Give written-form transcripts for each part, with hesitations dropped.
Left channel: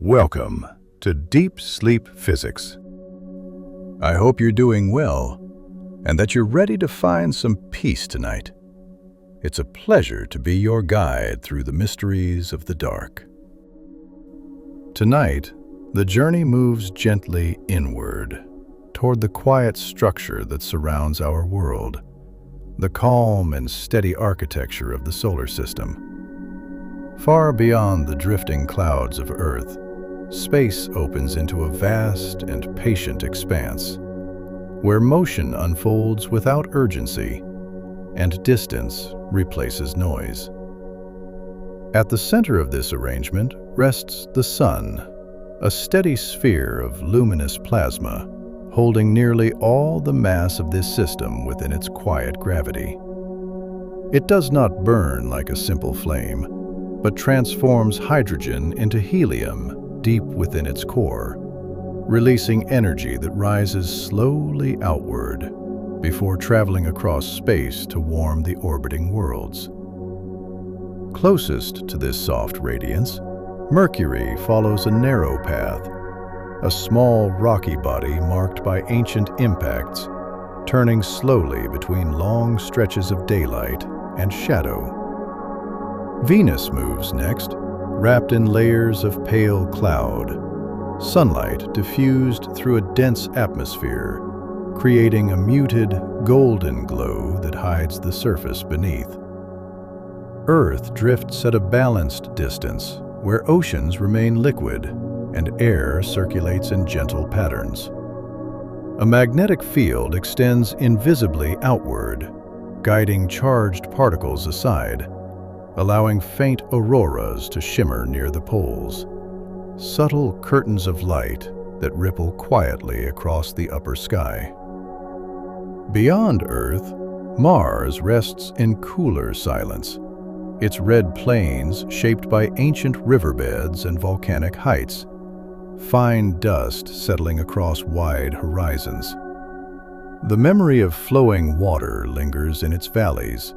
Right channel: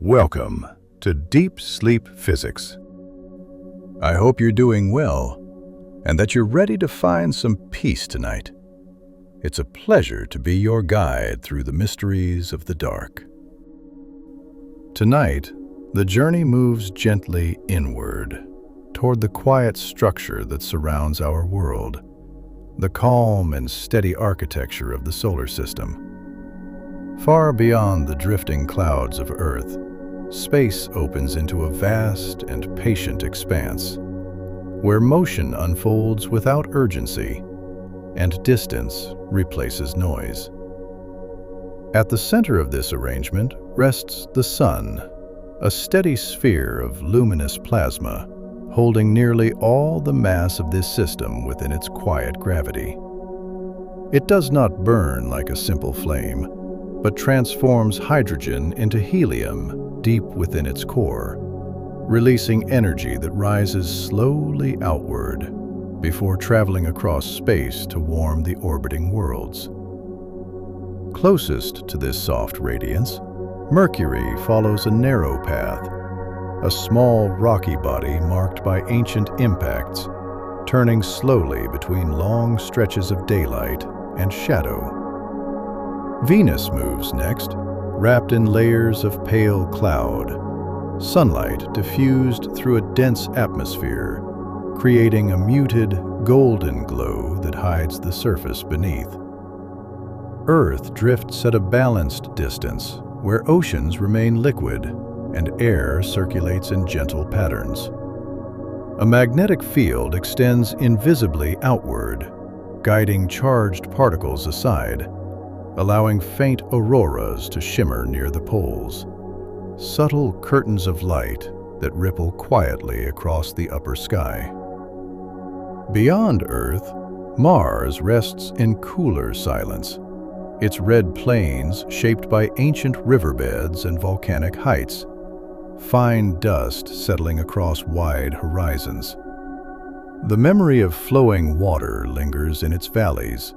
Welcome to Deep Sleep Physics. I hope you're doing well and that you're ready to find some peace tonight. It's a pleasure to be your guide through the mysteries of the dark. Tonight, the journey moves gently inward toward the quiet structure that surrounds our world, the calm and steady architecture of the solar system. Far beyond the drifting clouds of Earth, space opens into a vast and patient expanse, where motion unfolds without urgency and distance replaces noise. At the center of this arrangement rests the Sun, a steady sphere of luminous plasma, holding nearly all the mass of this system within its quiet gravity. It does not burn like a simple flame, but transforms hydrogen into helium deep within its core, releasing energy that rises slowly outward before traveling across space to warm the orbiting worlds. Closest to this soft radiance, Mercury follows a narrow path, a small rocky body marked by ancient impacts, turning slowly between long stretches of daylight and shadow. Venus moves next, wrapped in layers of pale cloud, sunlight diffused through a dense atmosphere, creating a muted, golden glow that hides the surface beneath. Earth drifts at a balanced distance, where oceans remain liquid and air circulates in gentle patterns. A magnetic field extends invisibly outward, guiding charged particles aside, allowing faint auroras to shimmer near the poles, subtle curtains of light that ripple quietly across the upper sky. Beyond Earth, Mars rests in cooler silence, its red plains shaped by ancient riverbeds and volcanic heights, fine dust settling across wide horizons. The memory of flowing water lingers in its valleys,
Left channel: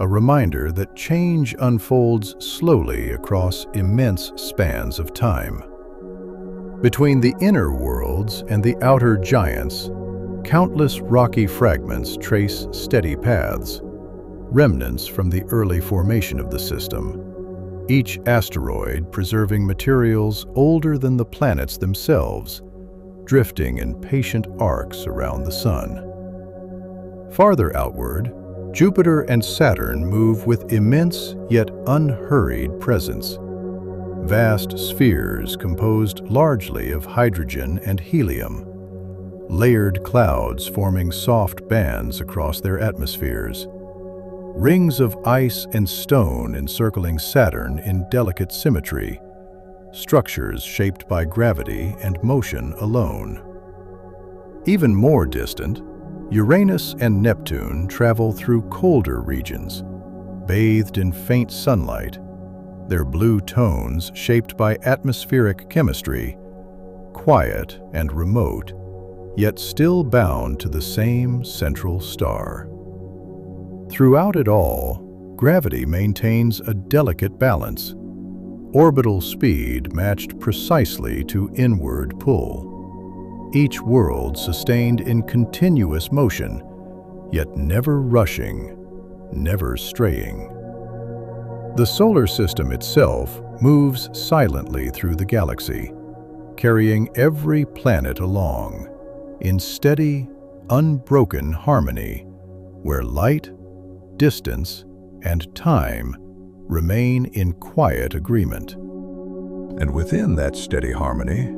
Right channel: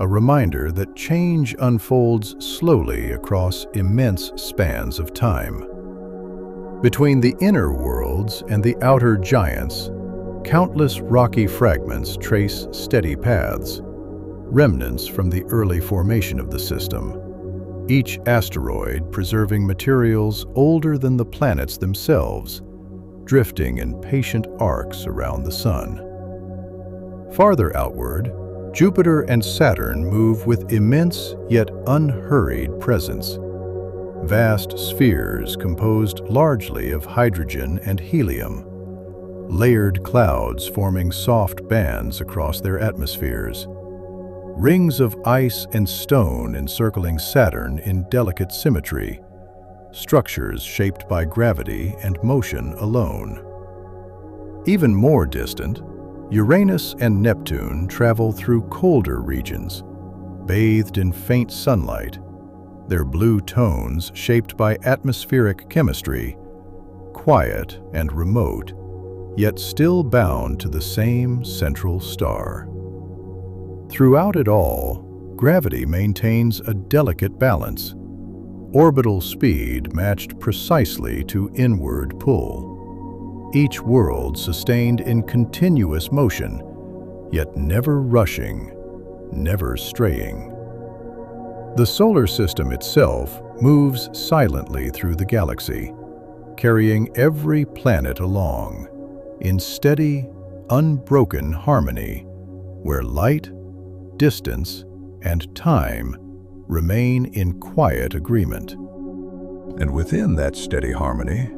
a reminder that change unfolds slowly across immense spans of time. Between the inner worlds and the outer giants, countless rocky fragments trace steady paths, remnants from the early formation of the system, each asteroid preserving materials older than the planets themselves, drifting in patient arcs around the Sun. Farther outward, Jupiter and Saturn move with immense yet unhurried presence, vast spheres composed largely of hydrogen and helium, layered clouds forming soft bands across their atmospheres, rings of ice and stone encircling Saturn in delicate symmetry, structures shaped by gravity and motion alone. Even more distant, Uranus and Neptune travel through colder regions, bathed in faint sunlight, their blue tones shaped by atmospheric chemistry, quiet and remote, yet still bound to the same central star. Throughout it all, gravity maintains a delicate balance, orbital speed matched precisely to inward pull. Each world sustained in continuous motion, yet never rushing, never straying. The solar system itself moves silently through the galaxy, carrying every planet along, in steady, unbroken harmony, where light, distance, and time remain in quiet agreement. And within that steady harmony,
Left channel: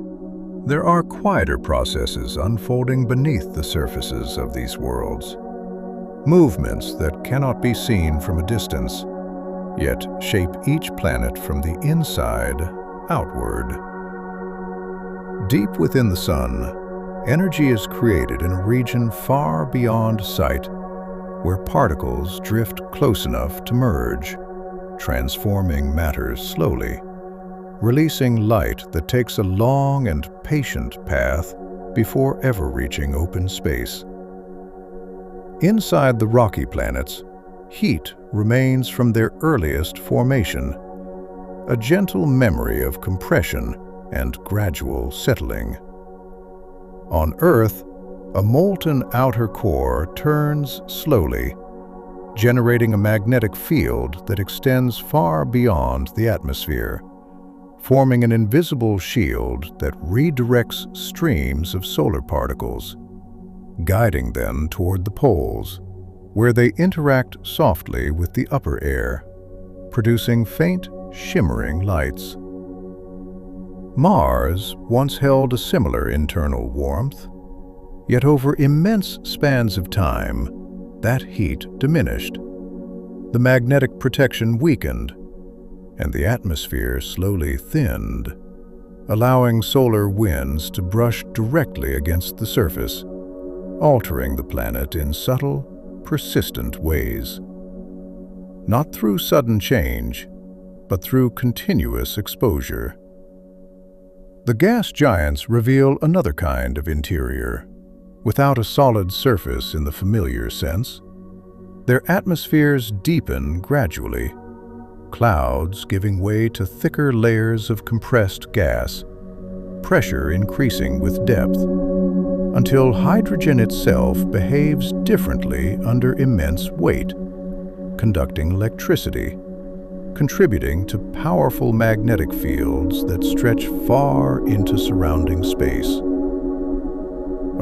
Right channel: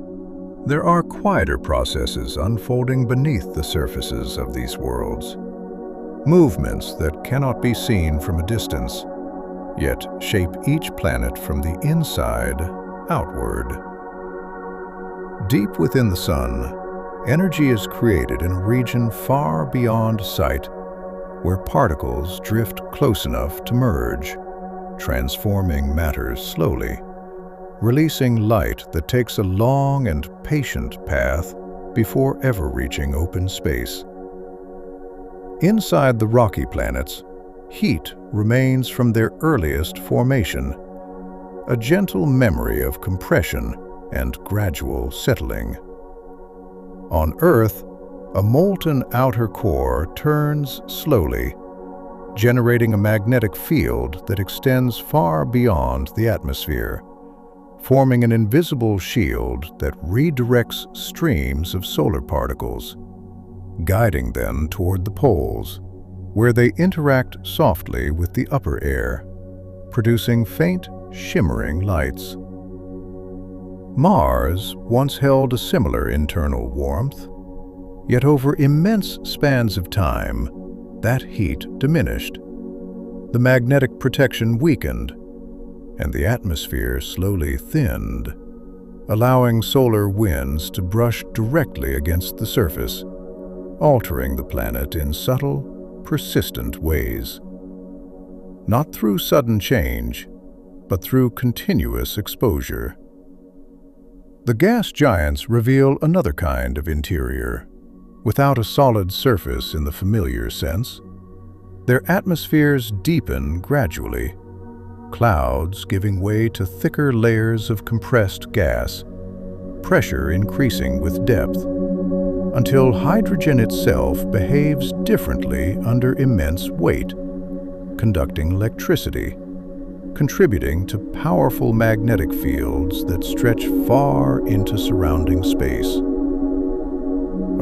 there are quieter processes unfolding beneath the surfaces of these worlds, movements that cannot be seen from a distance, yet shape each planet from the inside outward. Deep within the Sun, energy is created in a region far beyond sight, where particles drift close enough to merge, transforming matter slowly, releasing light that takes a long and patient path before ever reaching open space. Inside the rocky planets, heat remains from their earliest formation, a gentle memory of compression and gradual settling. On Earth, a molten outer core turns slowly, generating a magnetic field that extends far beyond the atmosphere, forming an invisible shield that redirects streams of solar particles, guiding them toward the poles, where they interact softly with the upper air, producing faint, shimmering lights. Mars once held a similar internal warmth, yet over immense spans of time, that heat diminished. The magnetic protection weakened, and the atmosphere slowly thinned, allowing solar winds to brush directly against the surface, altering the planet in subtle, persistent ways. Not through sudden change, but through continuous exposure. The gas giants reveal another kind of interior. Without a solid surface in the familiar sense, their atmospheres deepen gradually, clouds giving way to thicker layers of compressed gas, pressure increasing with depth, until hydrogen itself behaves differently under immense weight, conducting electricity, contributing to powerful magnetic fields that stretch far into surrounding space.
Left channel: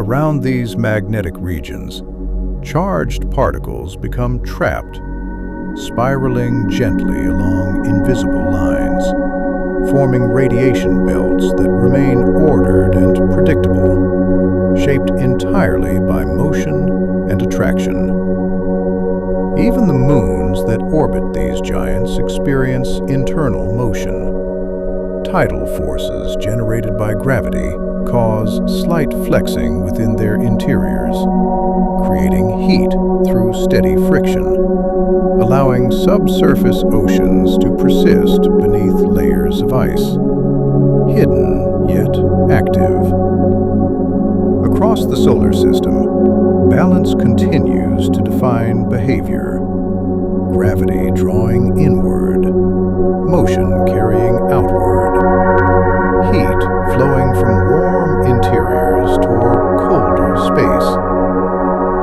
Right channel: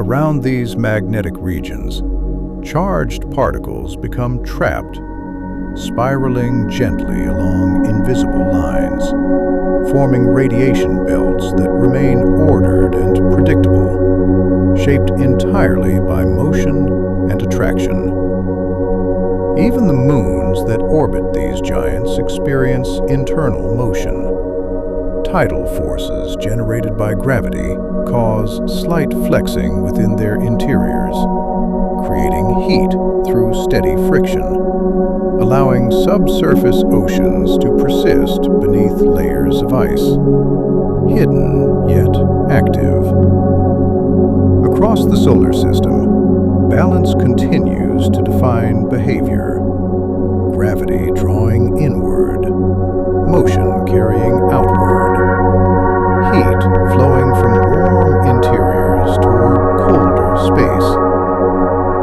Around these magnetic regions, charged particles become trapped, spiraling gently along invisible lines, forming radiation belts that remain ordered and predictable, shaped entirely by motion and attraction. Even the moons that orbit these giants experience internal motion. Tidal forces generated by gravity cause slight flexing within their interiors, creating heat through steady friction, allowing subsurface oceans to persist beneath layers of ice, hidden yet active. Across the solar system, balance continues to define behavior. Gravity drawing inward, motion carrying outward, heat flowing from warm interiors toward colder space,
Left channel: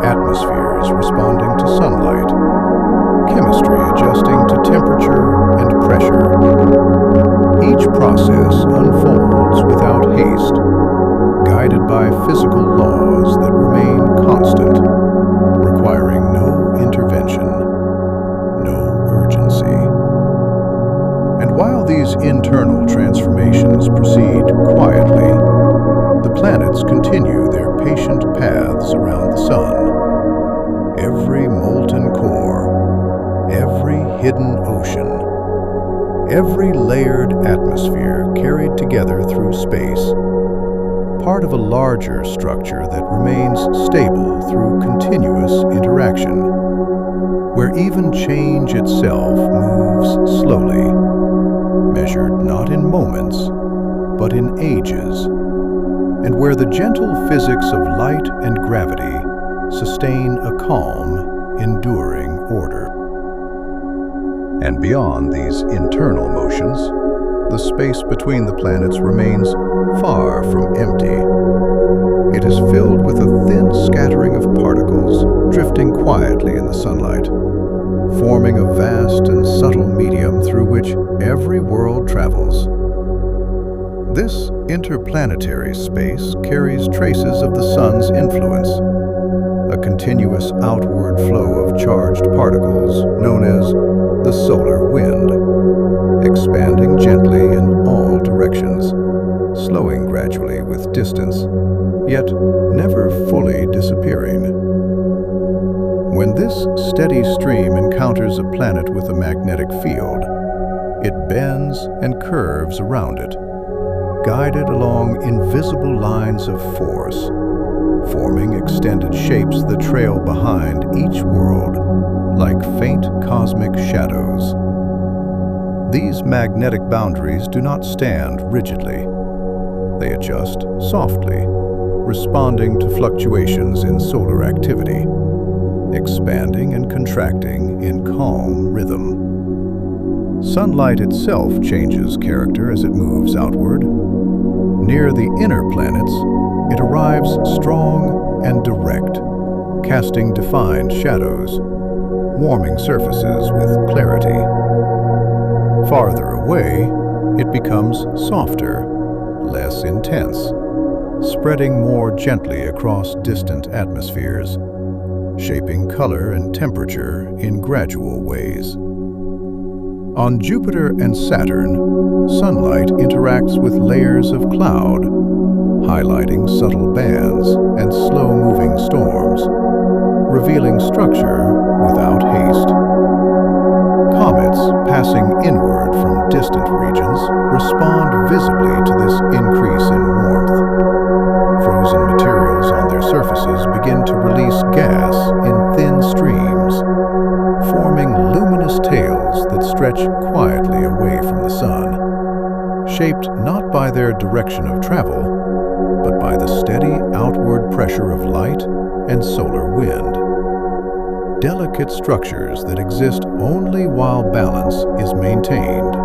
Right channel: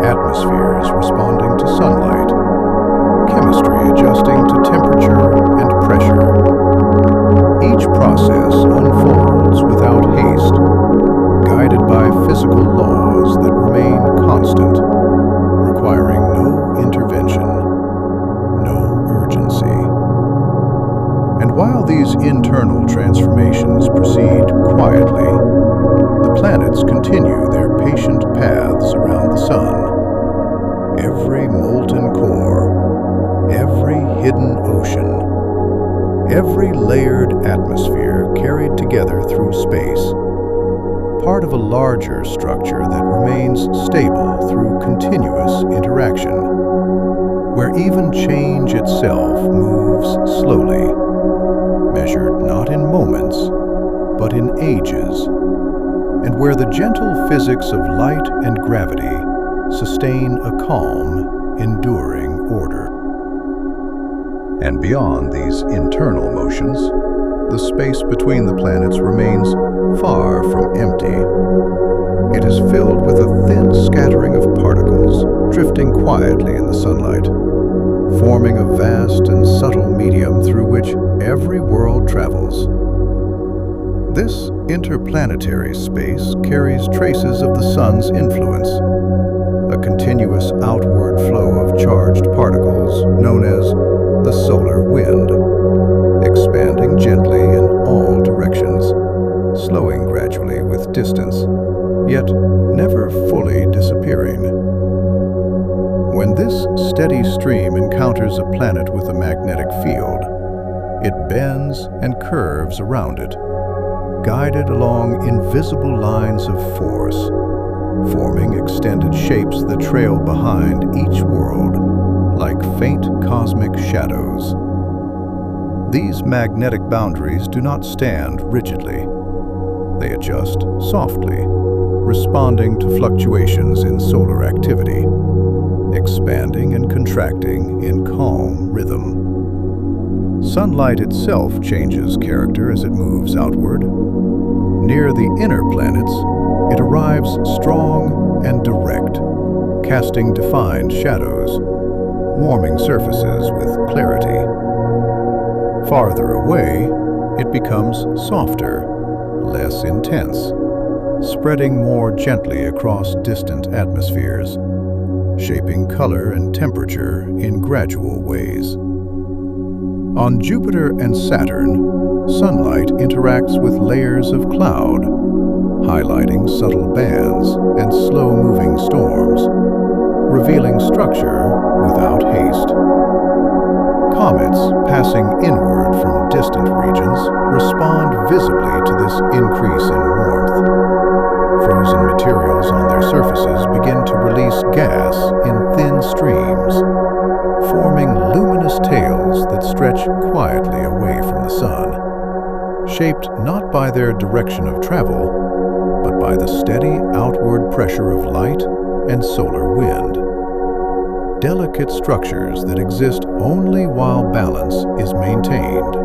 atmospheres responding to sunlight, chemistry adjusting to temperature and pressure. Each process unfolds without haste, guided by physical laws that remain constant, requiring no intervention, no urgency. And while these internal transformations proceed quietly, the planets continue their patient paths around the sun. Every molten core, every hidden ocean, every layered atmosphere carried together through space, part of a larger structure that remains stable through continuous interaction, where even change itself moves slowly, measured not in moments, but in ages, and where the gentle physics of light and gravity sustain a calm, enduring order. And beyond these internal motions, the space between the planets remains far from empty. It is filled with a thin scattering of particles drifting quietly in the sunlight, forming a vast and subtle medium through which every world travels. This interplanetary space carries traces of the sun's influence, a continuous outward flow of charged particles known as the solar wind, expanding gently in all directions, slowing gradually with distance, yet never fully disappearing. When this steady stream encounters a planet with a magnetic field, it bends and curves around it, guided along invisible lines of force, forming extended shapes that trail behind each world like faint cosmic shadows. These magnetic boundaries do not stand rigidly. They adjust softly, responding to fluctuations in solar activity, expanding and contracting in calm rhythm. Sunlight itself changes character as it moves outward, Near the inner planets, it arrives strong and direct, casting defined shadows, warming surfaces with clarity. Farther away, it becomes softer, less intense, spreading more gently across distant atmospheres, shaping color and temperature in gradual ways. On Jupiter and Saturn, sunlight interacts with layers of cloud, highlighting subtle bands and slow-moving storms, revealing structure without haste. Comets passing inward from distant regions respond visibly to this increase in warmth. Frozen materials on their surfaces begin to release gas in thin streams, forming luminous tails that stretch quietly away from the sun, shaped not by their direction of travel, but by the steady outward pressure of light and solar wind. Delicate structures that exist only while balance is maintained.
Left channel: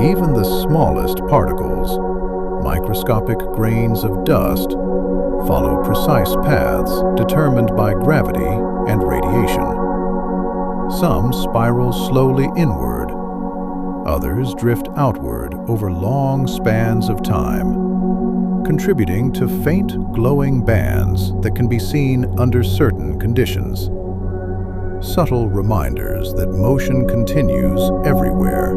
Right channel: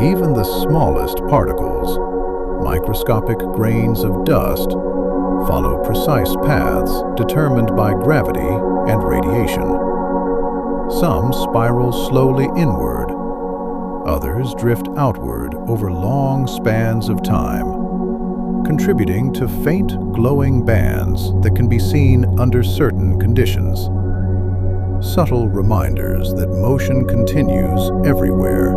Even the smallest particles, microscopic grains of dust, follow precise paths determined by gravity and radiation. Some spiral slowly inward, others drift outward over long spans of time, contributing to faint glowing bands that can be seen under certain conditions. Subtle reminders that motion continues everywhere,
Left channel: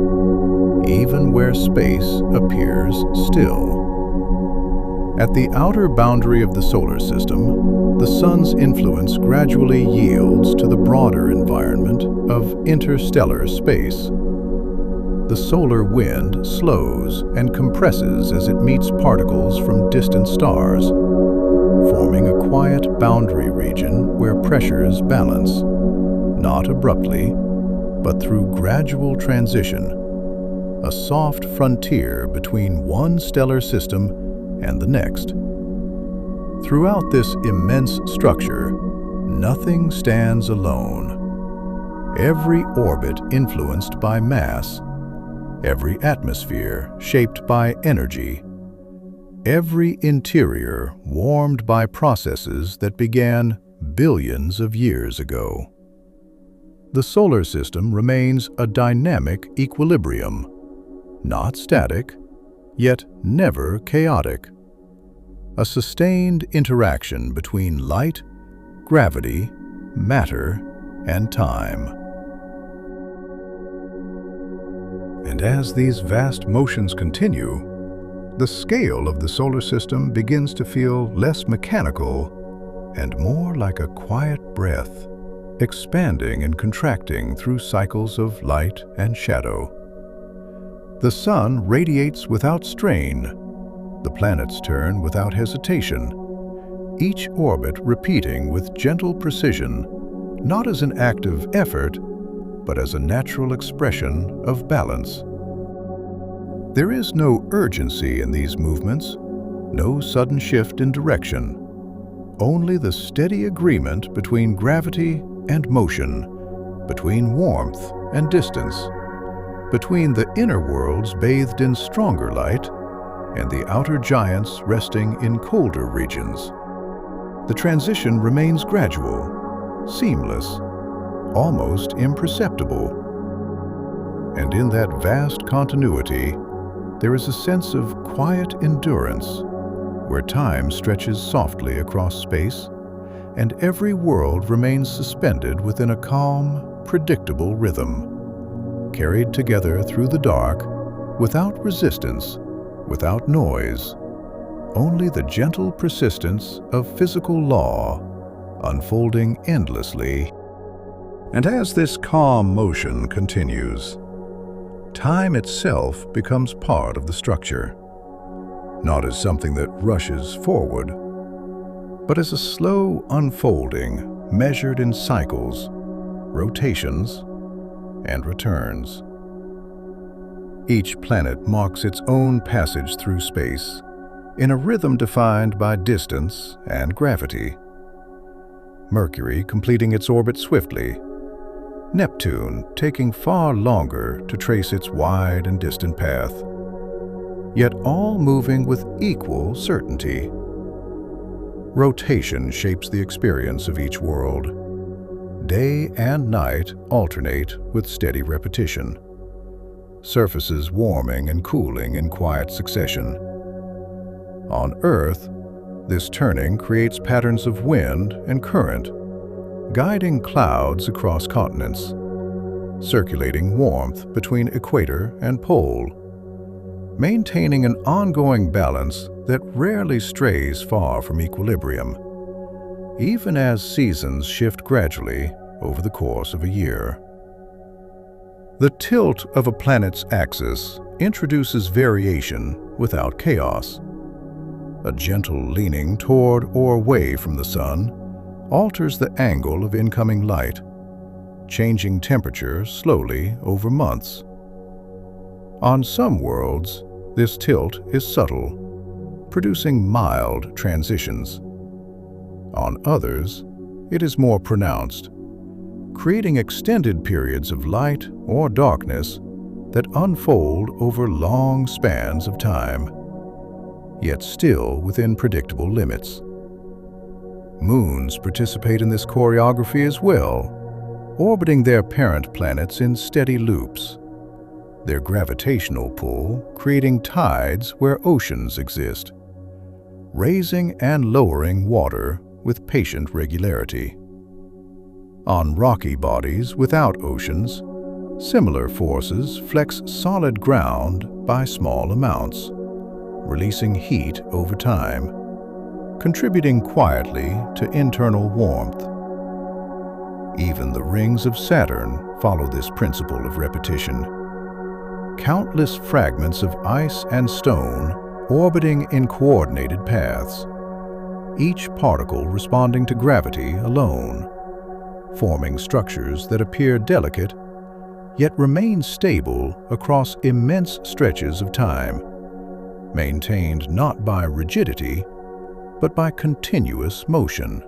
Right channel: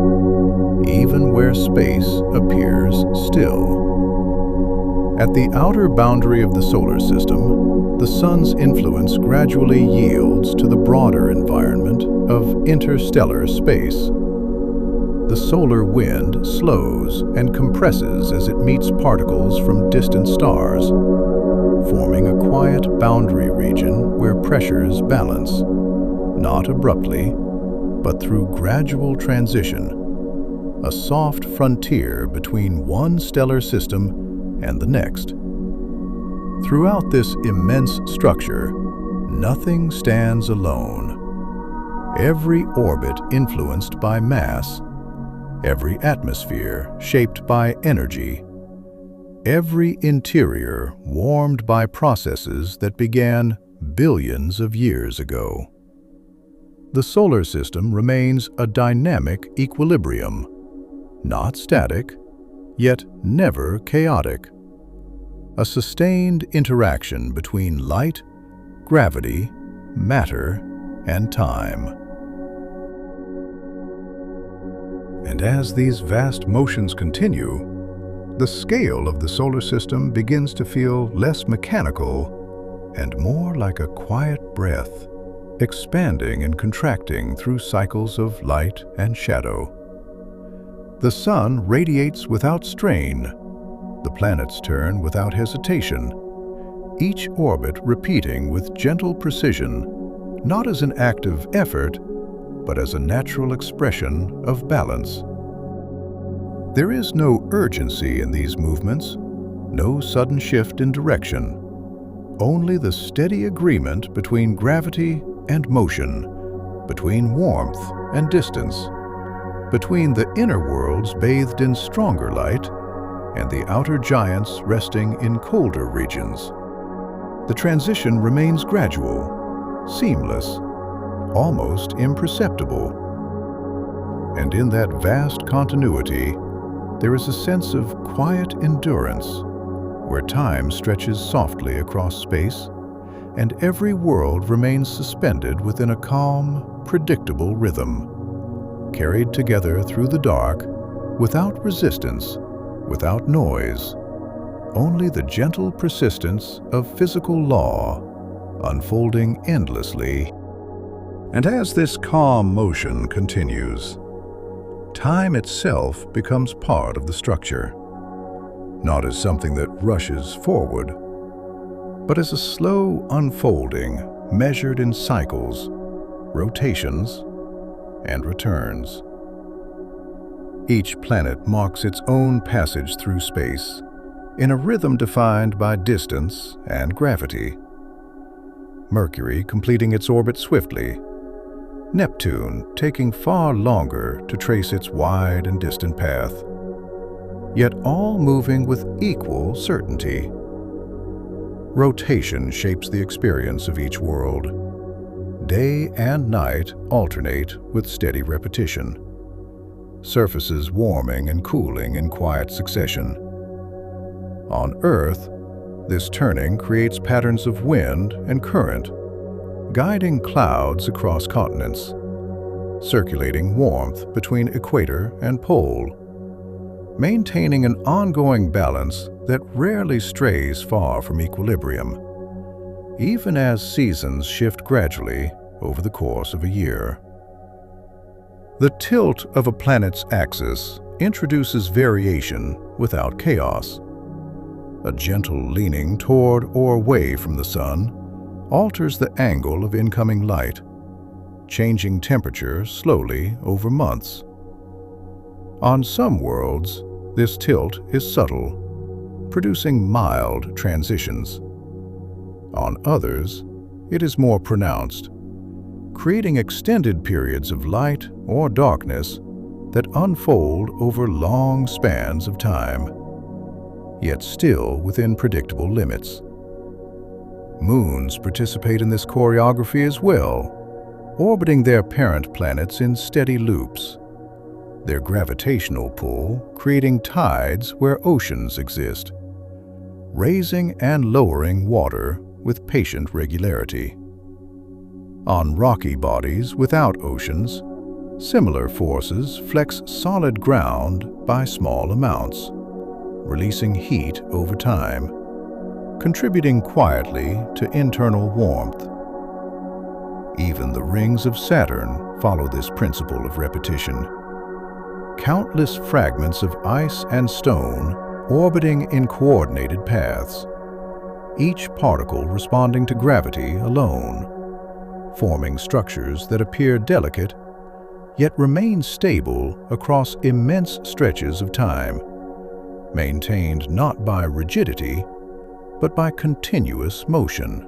even where space appears still. At the outer boundary of the solar system, the Sun's influence gradually yields to the broader environment of interstellar space. The solar wind slows and compresses as it meets particles from distant stars, forming a quiet boundary region where pressures balance, not abruptly, but through gradual transition, a soft frontier between one stellar system and the next. Throughout this immense structure, nothing stands alone. Every orbit influenced by mass, every atmosphere shaped by energy, every interior warmed by processes that began billions of years ago. The solar system remains a dynamic equilibrium, not static, yet never chaotic. A sustained interaction between light, gravity, matter, and time. And as these vast motions continue, the scale of the solar system begins to feel less mechanical and more like a quiet breath, expanding and contracting through cycles of light and shadow. The sun radiates without strain, the planets turn without hesitation, each orbit repeating with gentle precision, not as an act of effort, but as a natural expression of balance. There is no urgency in these movements, no sudden shift in direction, only the steady agreement between gravity and motion, between warmth and distance, between the inner worlds bathed in stronger light and the outer giants resting in colder regions. The transition remains gradual, seamless, almost imperceptible. And in that vast continuity, there is a sense of quiet endurance, where time stretches softly across space, and every world remains suspended within a calm, predictable rhythm, carried together through the dark, without resistance, without noise, only the gentle persistence of physical law, unfolding endlessly. And as this calm motion continues, time itself becomes part of the structure, not as something that rushes forward, but as a slow unfolding measured in cycles, rotations, and returns. Each planet marks its own passage through space, in a rhythm defined by distance and gravity. Mercury completing its orbit swiftly, Neptune taking far longer to trace its wide and distant path. yet all moving with equal certainty. Rotation shapes the experience of each world. Day and night alternate with steady repetition, surfaces warming and cooling in quiet succession. On Earth, this turning creates patterns of wind and current, guiding clouds across continents, circulating warmth between equator and pole, maintaining an ongoing balance that rarely strays far from equilibrium, even as seasons shift gradually over the course of a year. The tilt of a planet's axis introduces variation without chaos. A gentle leaning toward or away from the sun alters the angle of incoming light, changing temperature slowly over months. On some worlds, this tilt is subtle, producing mild transitions. On others, it is more pronounced, creating extended periods of light or darkness that unfold over long spans of time, yet still within predictable limits. Moons participate in this choreography as well, orbiting their parent planets in steady loops, their gravitational pull creating tides where oceans exist, raising and lowering water with patient regularity. On rocky bodies without oceans, similar forces flex solid ground by small amounts, releasing heat over time, contributing quietly to internal warmth. Even the rings of Saturn follow this principle of repetition. Countless fragments of ice and stone orbiting in coordinated paths, each particle responding to gravity alone, forming structures that appear delicate yet remain stable across immense stretches of time, maintained not by rigidity, but by continuous motion.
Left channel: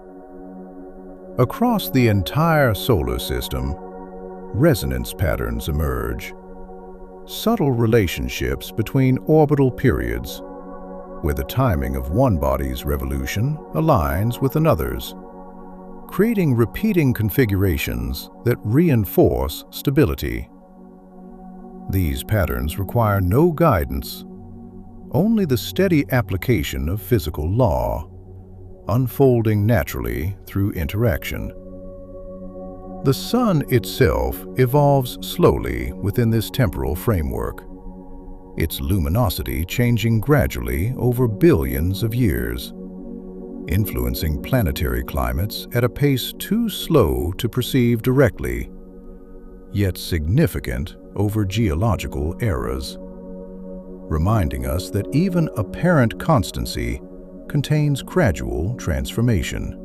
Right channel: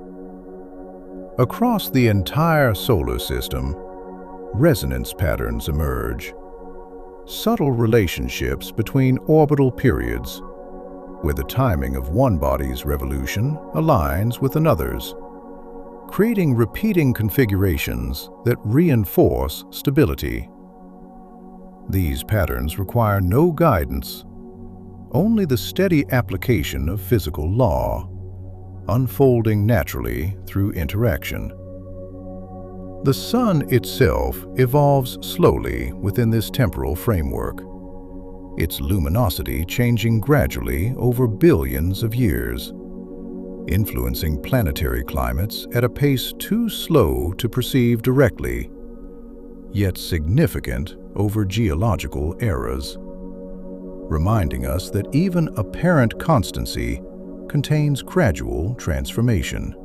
Across the entire solar system, resonance patterns emerge, subtle relationships between orbital periods, where the timing of one body's revolution aligns with another's, creating repeating configurations that reinforce stability. These patterns require no guidance, only the steady application of physical law, unfolding naturally through interaction. The Sun itself evolves slowly within this temporal framework, its luminosity changing gradually over billions of years, influencing planetary climates at a pace too slow to perceive directly, yet significant over geological eras, reminding us that even apparent constancy contains gradual transformation.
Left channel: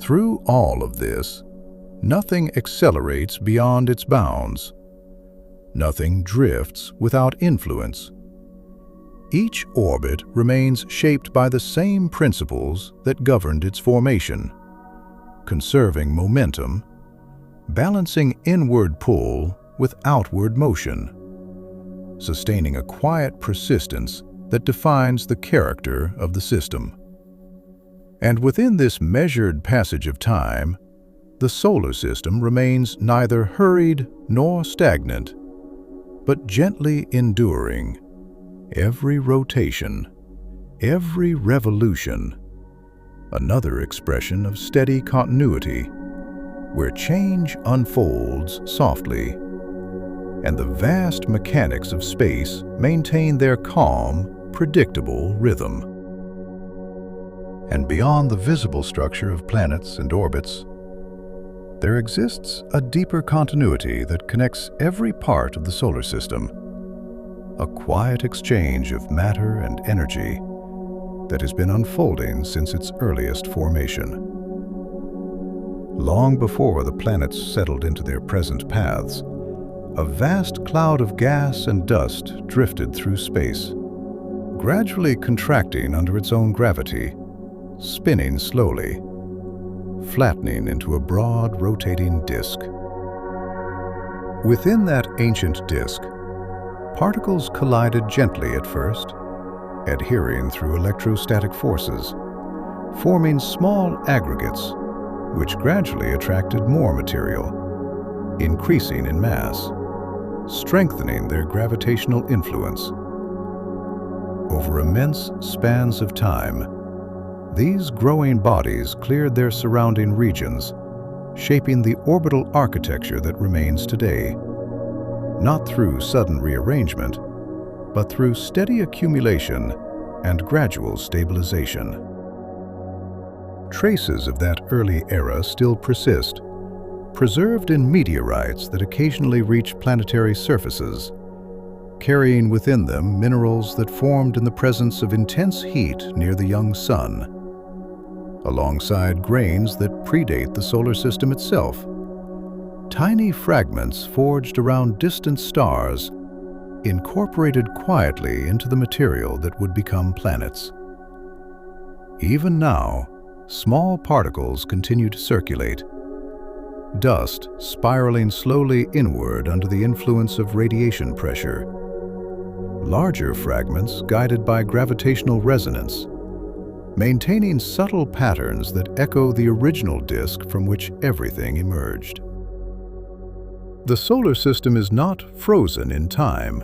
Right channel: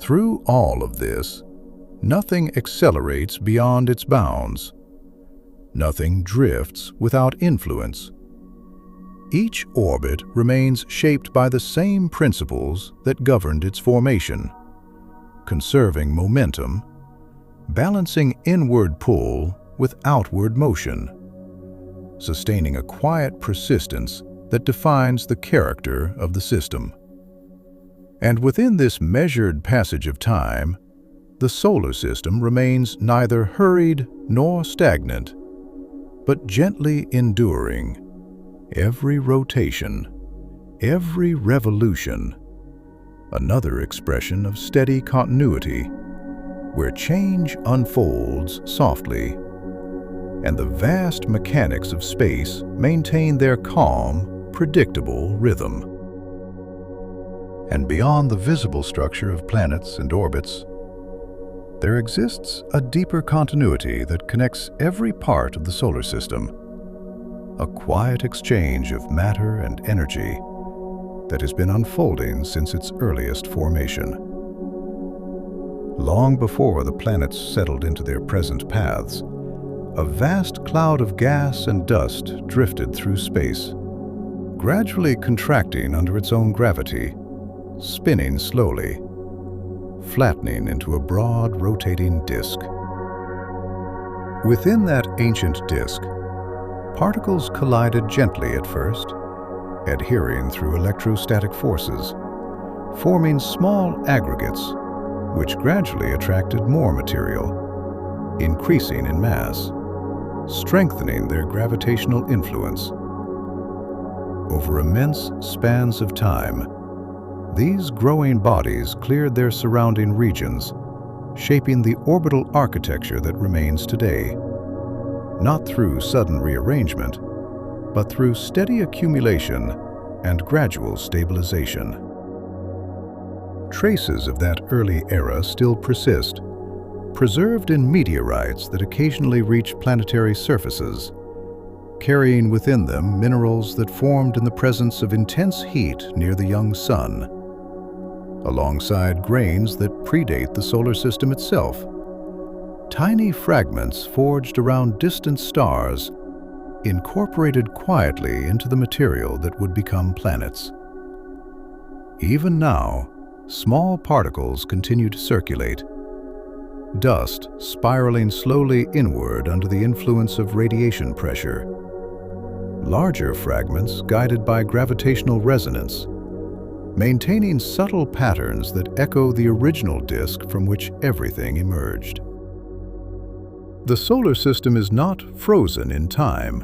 Through all of this, nothing accelerates beyond its bounds. Nothing drifts without influence. Each orbit remains shaped by the same principles that governed its formation, conserving momentum, balancing inward pull with outward motion, sustaining a quiet persistence that defines the character of the system. And within this measured passage of time, the solar system remains neither hurried nor stagnant, but gently enduring. Every rotation, every revolution, another expression of steady continuity, where change unfolds softly, and the vast mechanics of space maintain their calm, predictable rhythm. And beyond the visible structure of planets and orbits, there exists a deeper continuity that connects every part of the solar system, a quiet exchange of matter and energy that has been unfolding since its earliest formation. Long before the planets settled into their present paths, a vast cloud of gas and dust drifted through space, gradually contracting under its own gravity, spinning slowly, flattening into a broad, rotating disk. Within that ancient disk, Particles collided gently at first, adhering through electrostatic forces, forming small aggregates, which gradually attracted more material, increasing in mass, strengthening their gravitational influence. Over immense spans of time, these growing bodies cleared their surrounding regions, shaping the orbital architecture that remains today, not through sudden rearrangement, but through steady accumulation and gradual stabilization. Traces of that early era still persist, preserved in meteorites that occasionally reach planetary surfaces, carrying within them minerals that formed in the presence of intense heat near the young sun, alongside grains that predate the solar system itself. Tiny fragments forged around distant stars, incorporated quietly into the material that would become planets. Even now, small particles continue to circulate, dust spiraling slowly inward under the influence of radiation pressure. Larger fragments guided by gravitational resonance, maintaining subtle patterns that echo the original disk from which everything emerged. The solar system is not frozen in time,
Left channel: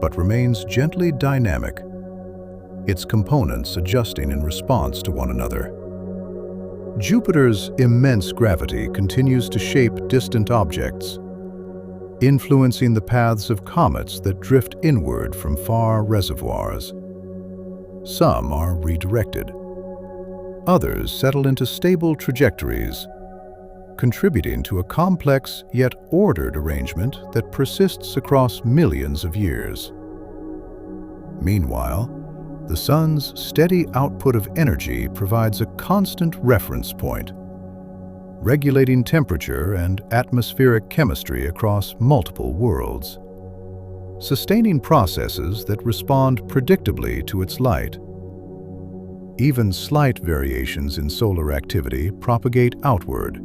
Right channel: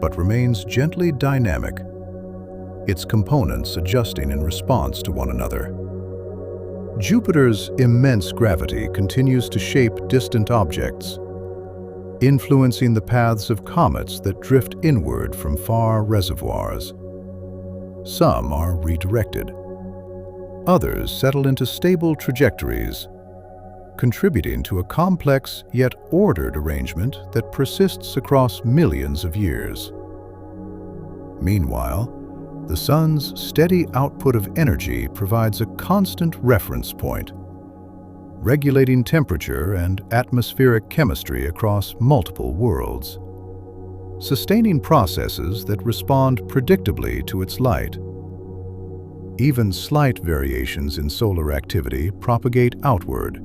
but remains gently dynamic, its components adjusting in response to one another. Jupiter's immense gravity continues to shape distant objects, influencing the paths of comets that drift inward from far reservoirs. Some are redirected. Others settle into stable trajectories, contributing to a complex yet ordered arrangement that persists across millions of years. Meanwhile, the Sun's steady output of energy provides a constant reference point, regulating temperature and atmospheric chemistry across multiple worlds, sustaining processes that respond predictably to its light. Even slight variations in solar activity propagate outward,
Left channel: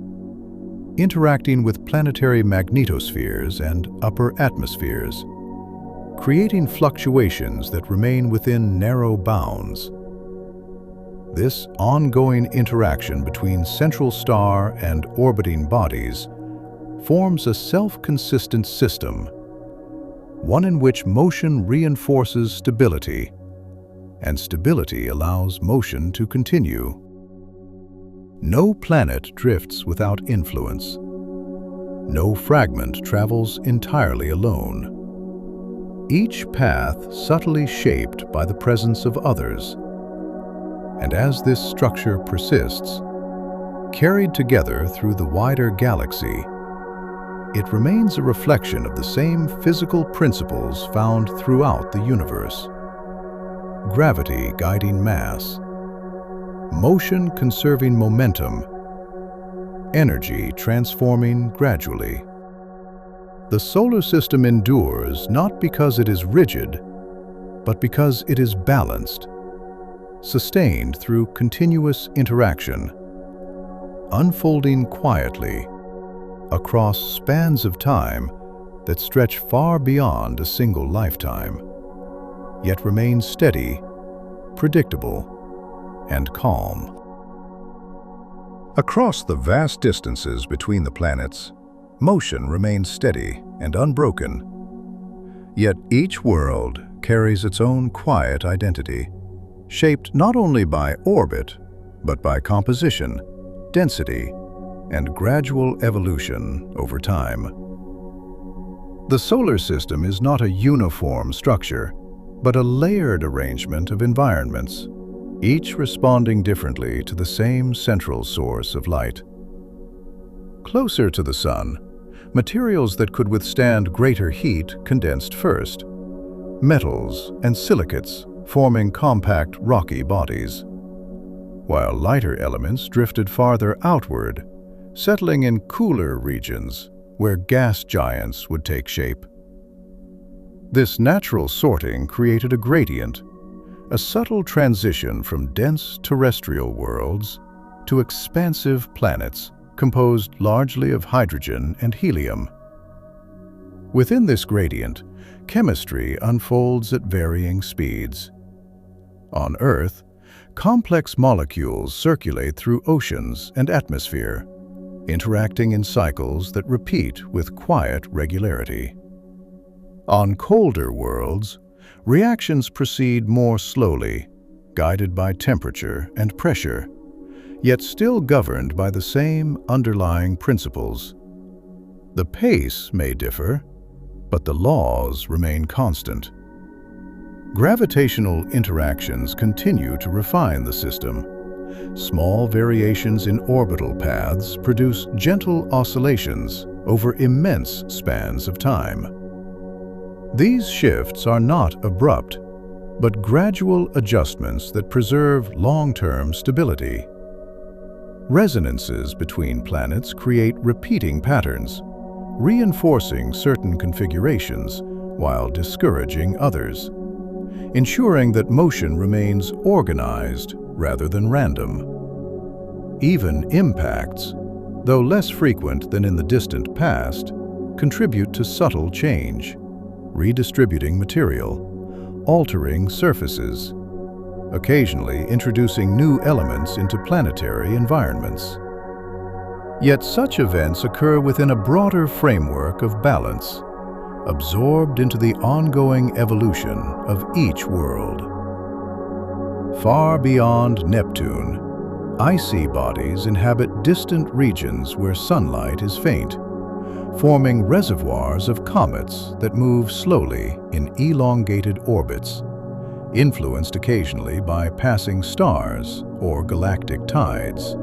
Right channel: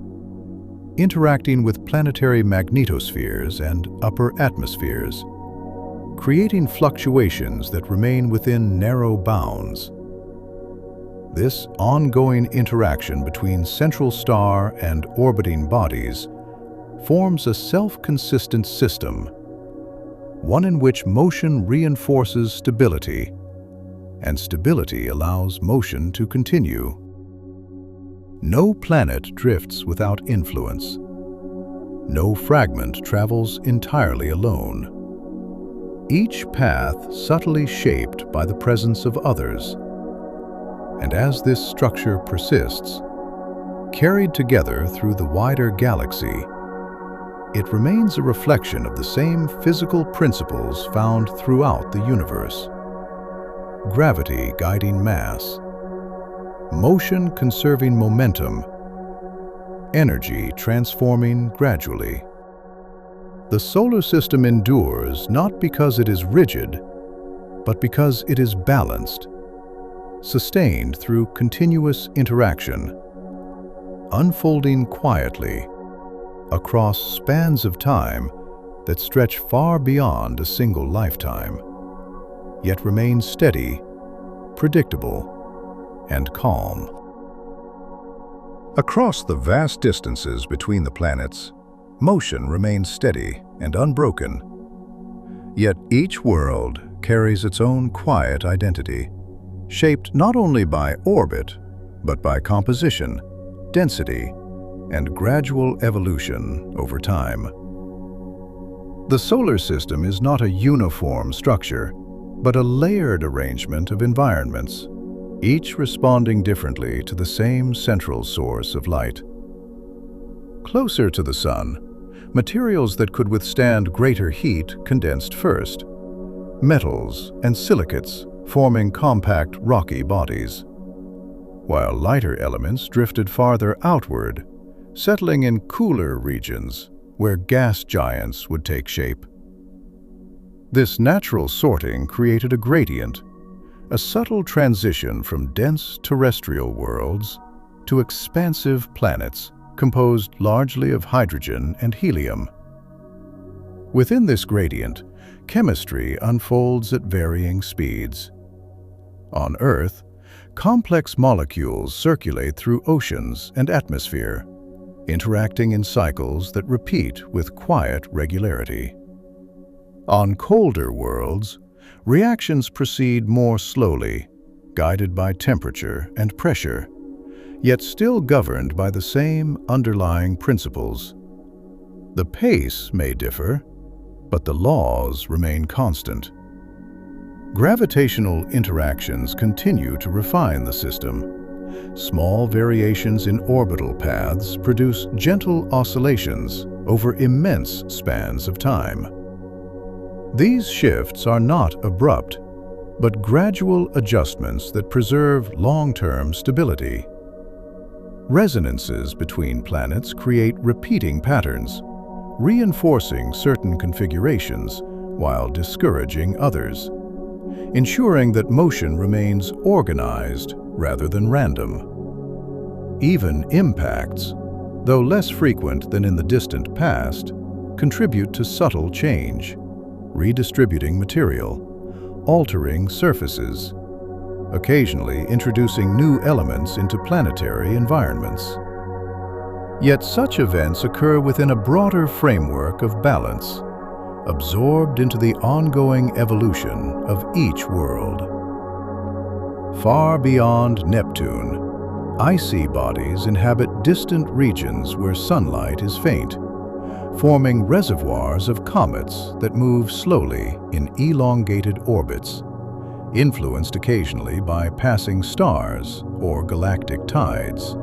interacting with planetary magnetospheres and upper atmospheres, creating fluctuations that remain within narrow bounds. This ongoing interaction between central star and orbiting bodies forms a self-consistent system, one in which motion reinforces stability, and stability allows motion to continue. No planet drifts without influence. No fragment travels entirely alone. Each path subtly shaped by the presence of others. And as this structure persists, carried together through the wider galaxy, it remains a reflection of the same physical principles found throughout the universe. Gravity guiding mass, motion conserving momentum, energy transforming gradually. The solar system endures not because it is rigid, but because it is balanced, sustained through continuous interaction, unfolding quietly across spans of time that stretch far beyond a single lifetime, yet remain steady, predictable, and calm. Across the vast distances between the planets, motion remains steady and unbroken. Yet each world carries its own quiet identity, shaped not only by orbit, but by composition, density, and gradual evolution over time. The solar system is not a uniform structure, but a layered arrangement of environments, each responding differently to the same central source of light. Closer to the Sun, materials that could withstand greater heat condensed first, metals and silicates forming compact rocky bodies, while lighter elements drifted farther outward, settling in cooler regions where gas giants would take shape. This natural sorting created a gradient, a subtle transition from dense terrestrial worlds to expansive planets composed largely of hydrogen and helium. Within this gradient, chemistry unfolds at varying speeds. On Earth, complex molecules circulate through oceans and atmosphere, interacting in cycles that repeat with quiet regularity. On colder worlds, reactions proceed more slowly, guided by temperature and pressure, yet still governed by the same underlying principles. The pace may differ, but the laws remain constant. Gravitational interactions continue to refine the system. Small variations in orbital paths produce gentle oscillations over immense spans of time. These shifts are not abrupt, but gradual adjustments that preserve long-term stability. Resonances between planets create repeating patterns, reinforcing certain configurations while discouraging others, ensuring that motion remains organized rather than random. Even impacts, though less frequent than in the distant past, contribute to subtle change, redistributing material, altering surfaces, occasionally introducing new elements into planetary environments. Yet such events occur within a broader framework of balance, absorbed into the ongoing evolution of each world. Far beyond Neptune, icy bodies inhabit distant regions where sunlight is faint, forming reservoirs of comets that move slowly in elongated orbits, influenced occasionally by passing stars or galactic tides.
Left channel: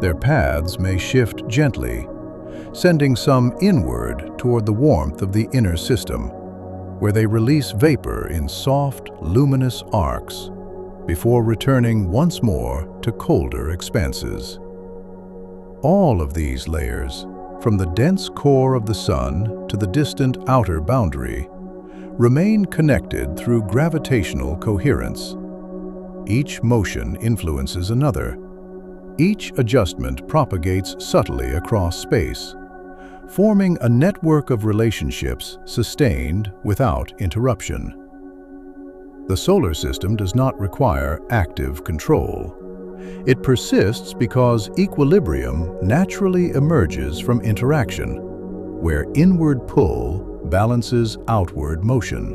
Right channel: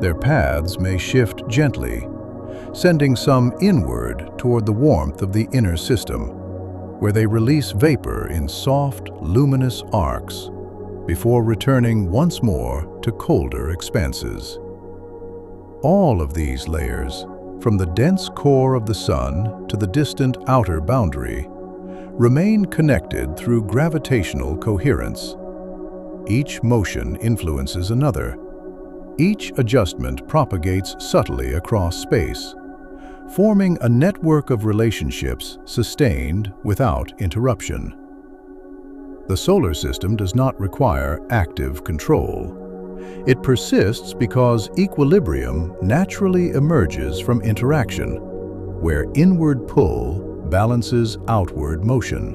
Their paths may shift gently, sending some inward toward the warmth of the inner system, where they release vapor in soft, luminous arcs before returning once more to colder expanses. All of these layers, from the dense core of the Sun to the distant outer boundary, remain connected through gravitational coherence. Each motion influences another. Each adjustment propagates subtly across space, forming a network of relationships sustained without interruption. The solar system does not require active control. It persists because equilibrium naturally emerges from interaction, where inward pull balances outward motion,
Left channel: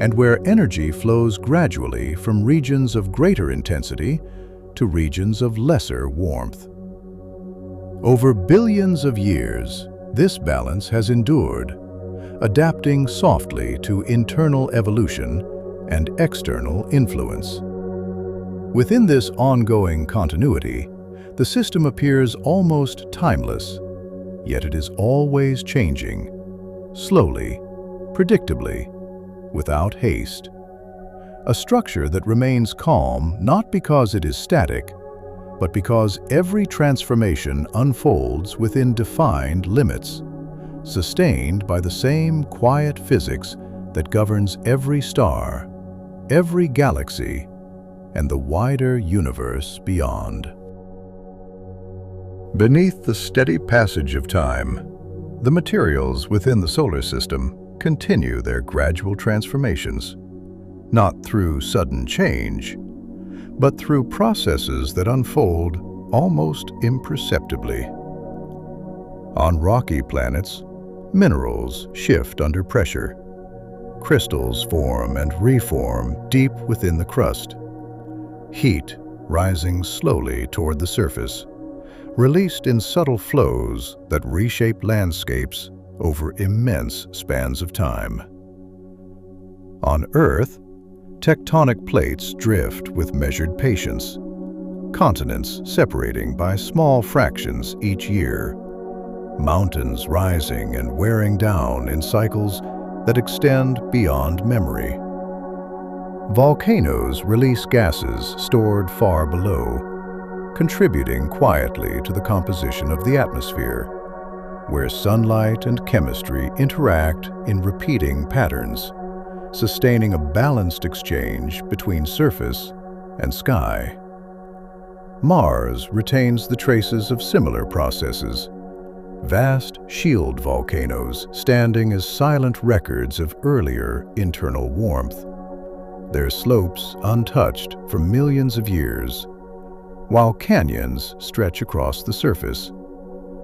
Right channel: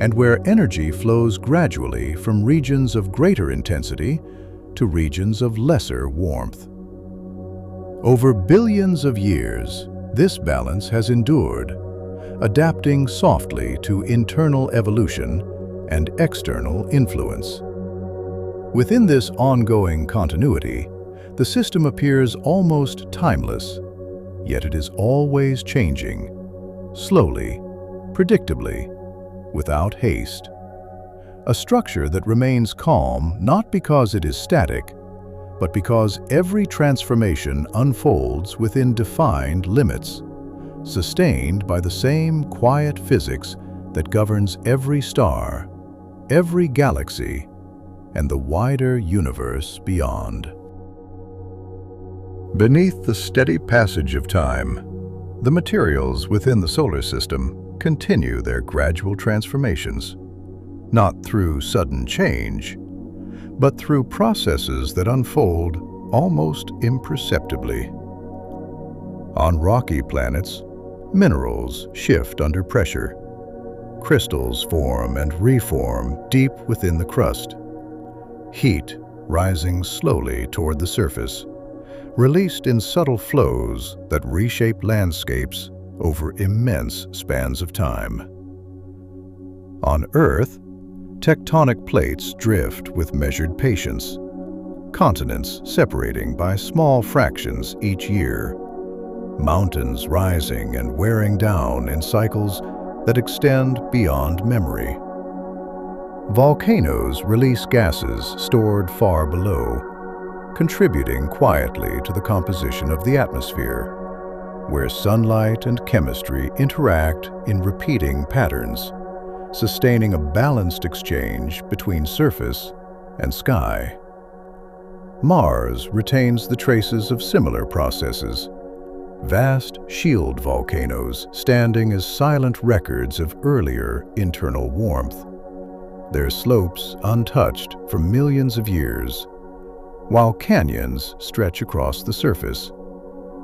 and where energy flows gradually from regions of greater intensity to regions of lesser warmth. Over billions of years, this balance has endured, adapting softly to internal evolution and external influence. Within this ongoing continuity, the system appears almost timeless, yet it is always changing, slowly, predictably, without haste. A structure that remains calm not because it is static, but because every transformation unfolds within defined limits, sustained by the same quiet physics that governs every star, every galaxy, and the wider universe beyond. Beneath the steady passage of time, the materials within the solar system continue their gradual transformations, not through sudden change, but through processes that unfold almost imperceptibly. On rocky planets, minerals shift under pressure. Crystals form and reform deep within the crust. Heat rising slowly toward the surface, released in subtle flows that reshape landscapes over immense spans of time. On Earth, tectonic plates drift with measured patience, continents separating by small fractions each year, mountains rising and wearing down in cycles that extend beyond memory. Volcanoes release gases stored far below, contributing quietly to the composition of the atmosphere, where sunlight and chemistry interact in repeating patterns, sustaining a balanced exchange between surface and sky. Mars retains the traces of similar processes, vast shield volcanoes standing as silent records of earlier internal warmth, their slopes untouched for millions of years, while canyons stretch across the surface,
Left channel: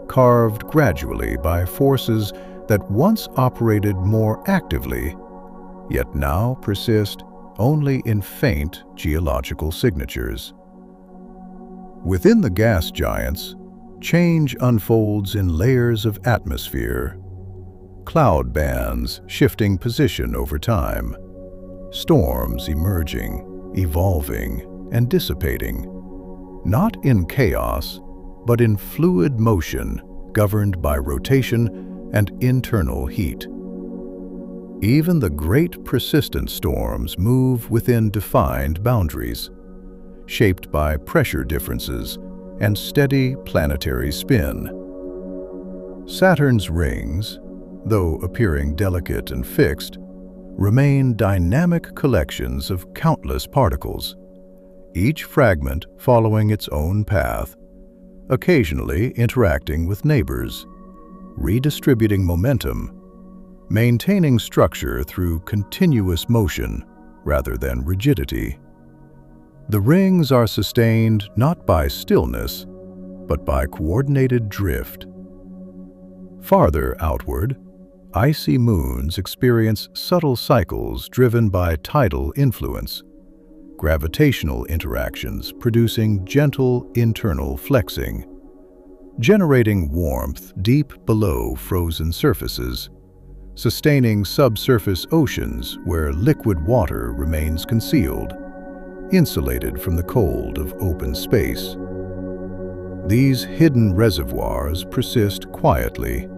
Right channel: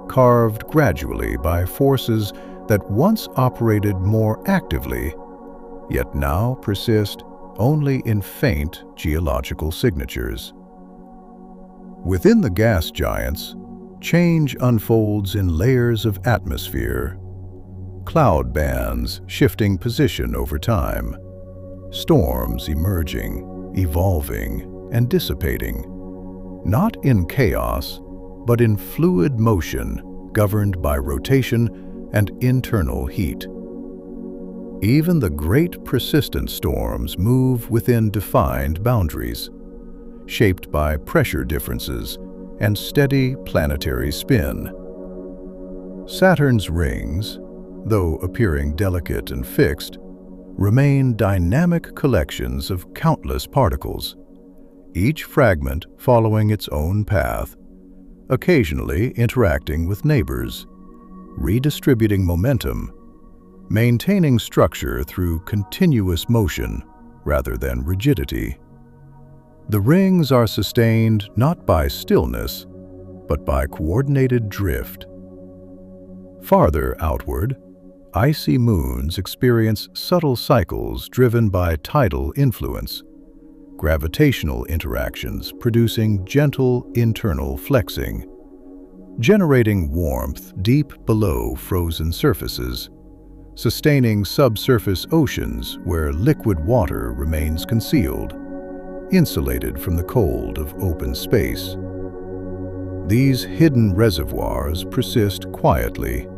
carved gradually by forces that once operated more actively, yet now persist only in faint geological signatures. Within the gas giants, change unfolds in layers of atmosphere, cloud bands shifting position over time, storms emerging, evolving, and dissipating, not in chaos, but in fluid motion governed by rotation and internal heat. Even the great persistent storms move within defined boundaries, shaped by pressure differences and steady planetary spin. Saturn's rings, though appearing delicate and fixed, remain dynamic collections of countless particles, each fragment following its own path, occasionally interacting with neighbors, redistributing momentum, maintaining structure through continuous motion rather than rigidity. The rings are sustained not by stillness, but by coordinated drift. Farther outward, icy moons experience subtle cycles driven by tidal influence, gravitational interactions producing gentle internal flexing, generating warmth deep below frozen surfaces, sustaining subsurface oceans where liquid water remains concealed, insulated from the cold of open space. These hidden reservoirs persist quietly,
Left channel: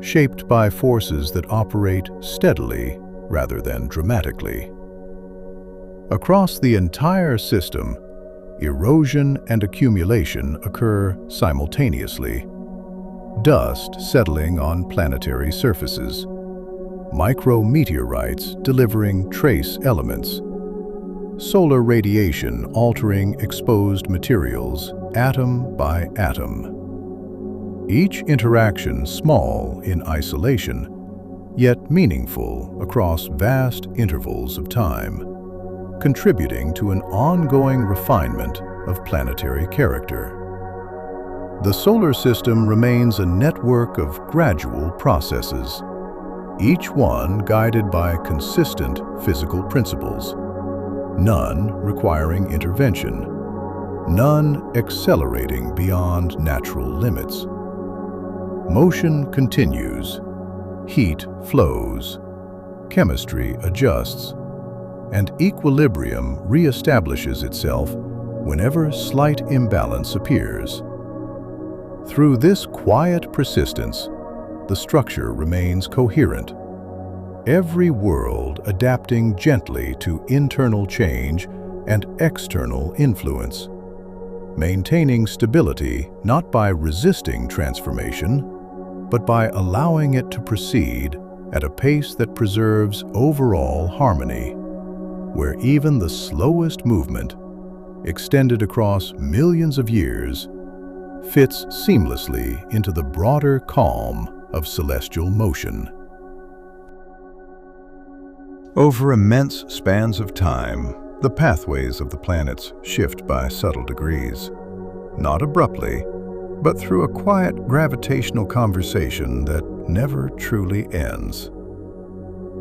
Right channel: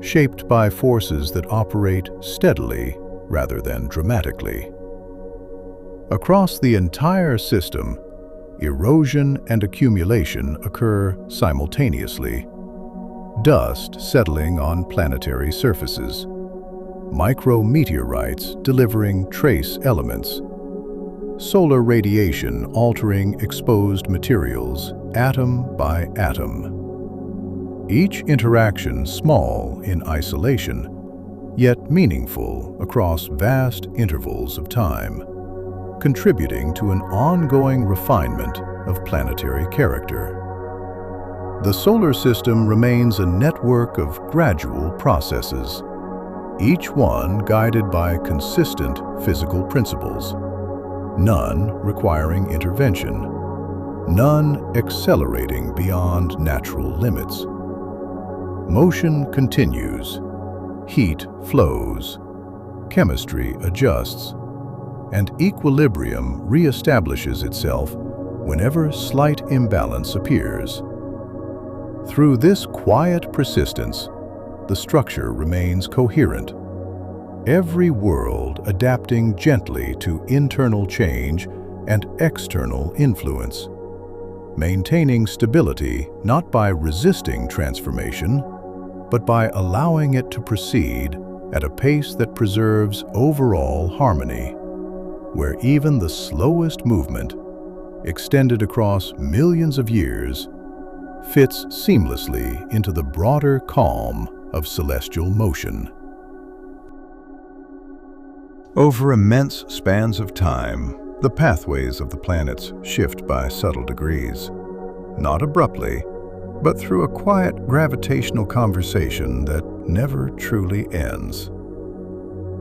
shaped by forces that operate steadily rather than dramatically. Across the entire system, erosion and accumulation occur simultaneously. Dust settling on planetary surfaces, micrometeorites delivering trace elements, solar radiation altering exposed materials atom by atom. Each interaction small in isolation, yet meaningful across vast intervals of time, contributing to an ongoing refinement of planetary character. The solar system remains a network of gradual processes, each one guided by consistent physical principles, none requiring intervention, none accelerating beyond natural limits. Motion continues, heat flows, chemistry adjusts, and equilibrium reestablishes itself whenever slight imbalance appears. Through this quiet persistence, the structure remains coherent, every world adapting gently to internal change and external influence, maintaining stability not by resisting transformation, but by allowing it to proceed at a pace that preserves overall harmony, where even the slowest movement, extended across millions of years, fits seamlessly into the broader calm of celestial motion. Over immense spans of time, the pathways of the planets shift by subtle degrees, not abruptly, but through a quiet gravitational conversation that never truly ends.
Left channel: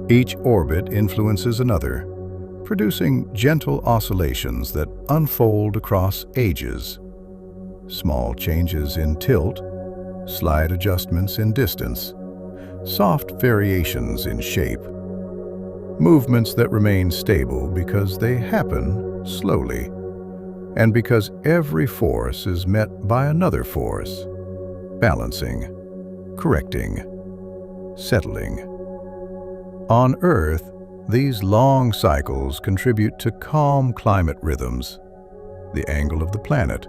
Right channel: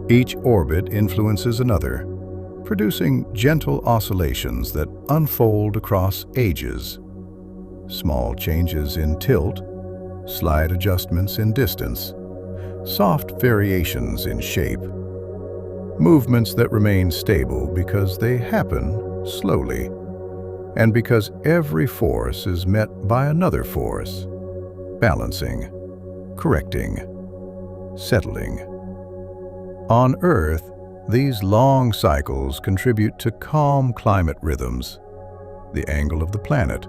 Each orbit influences another, producing gentle oscillations that unfold across ages. Small changes in tilt, slight adjustments in distance, soft variations in shape. Movements that remain stable because they happen slowly, and because every force is met by another force, balancing, correcting, settling. On Earth, these long cycles contribute to calm climate rhythms, the angle of the planet,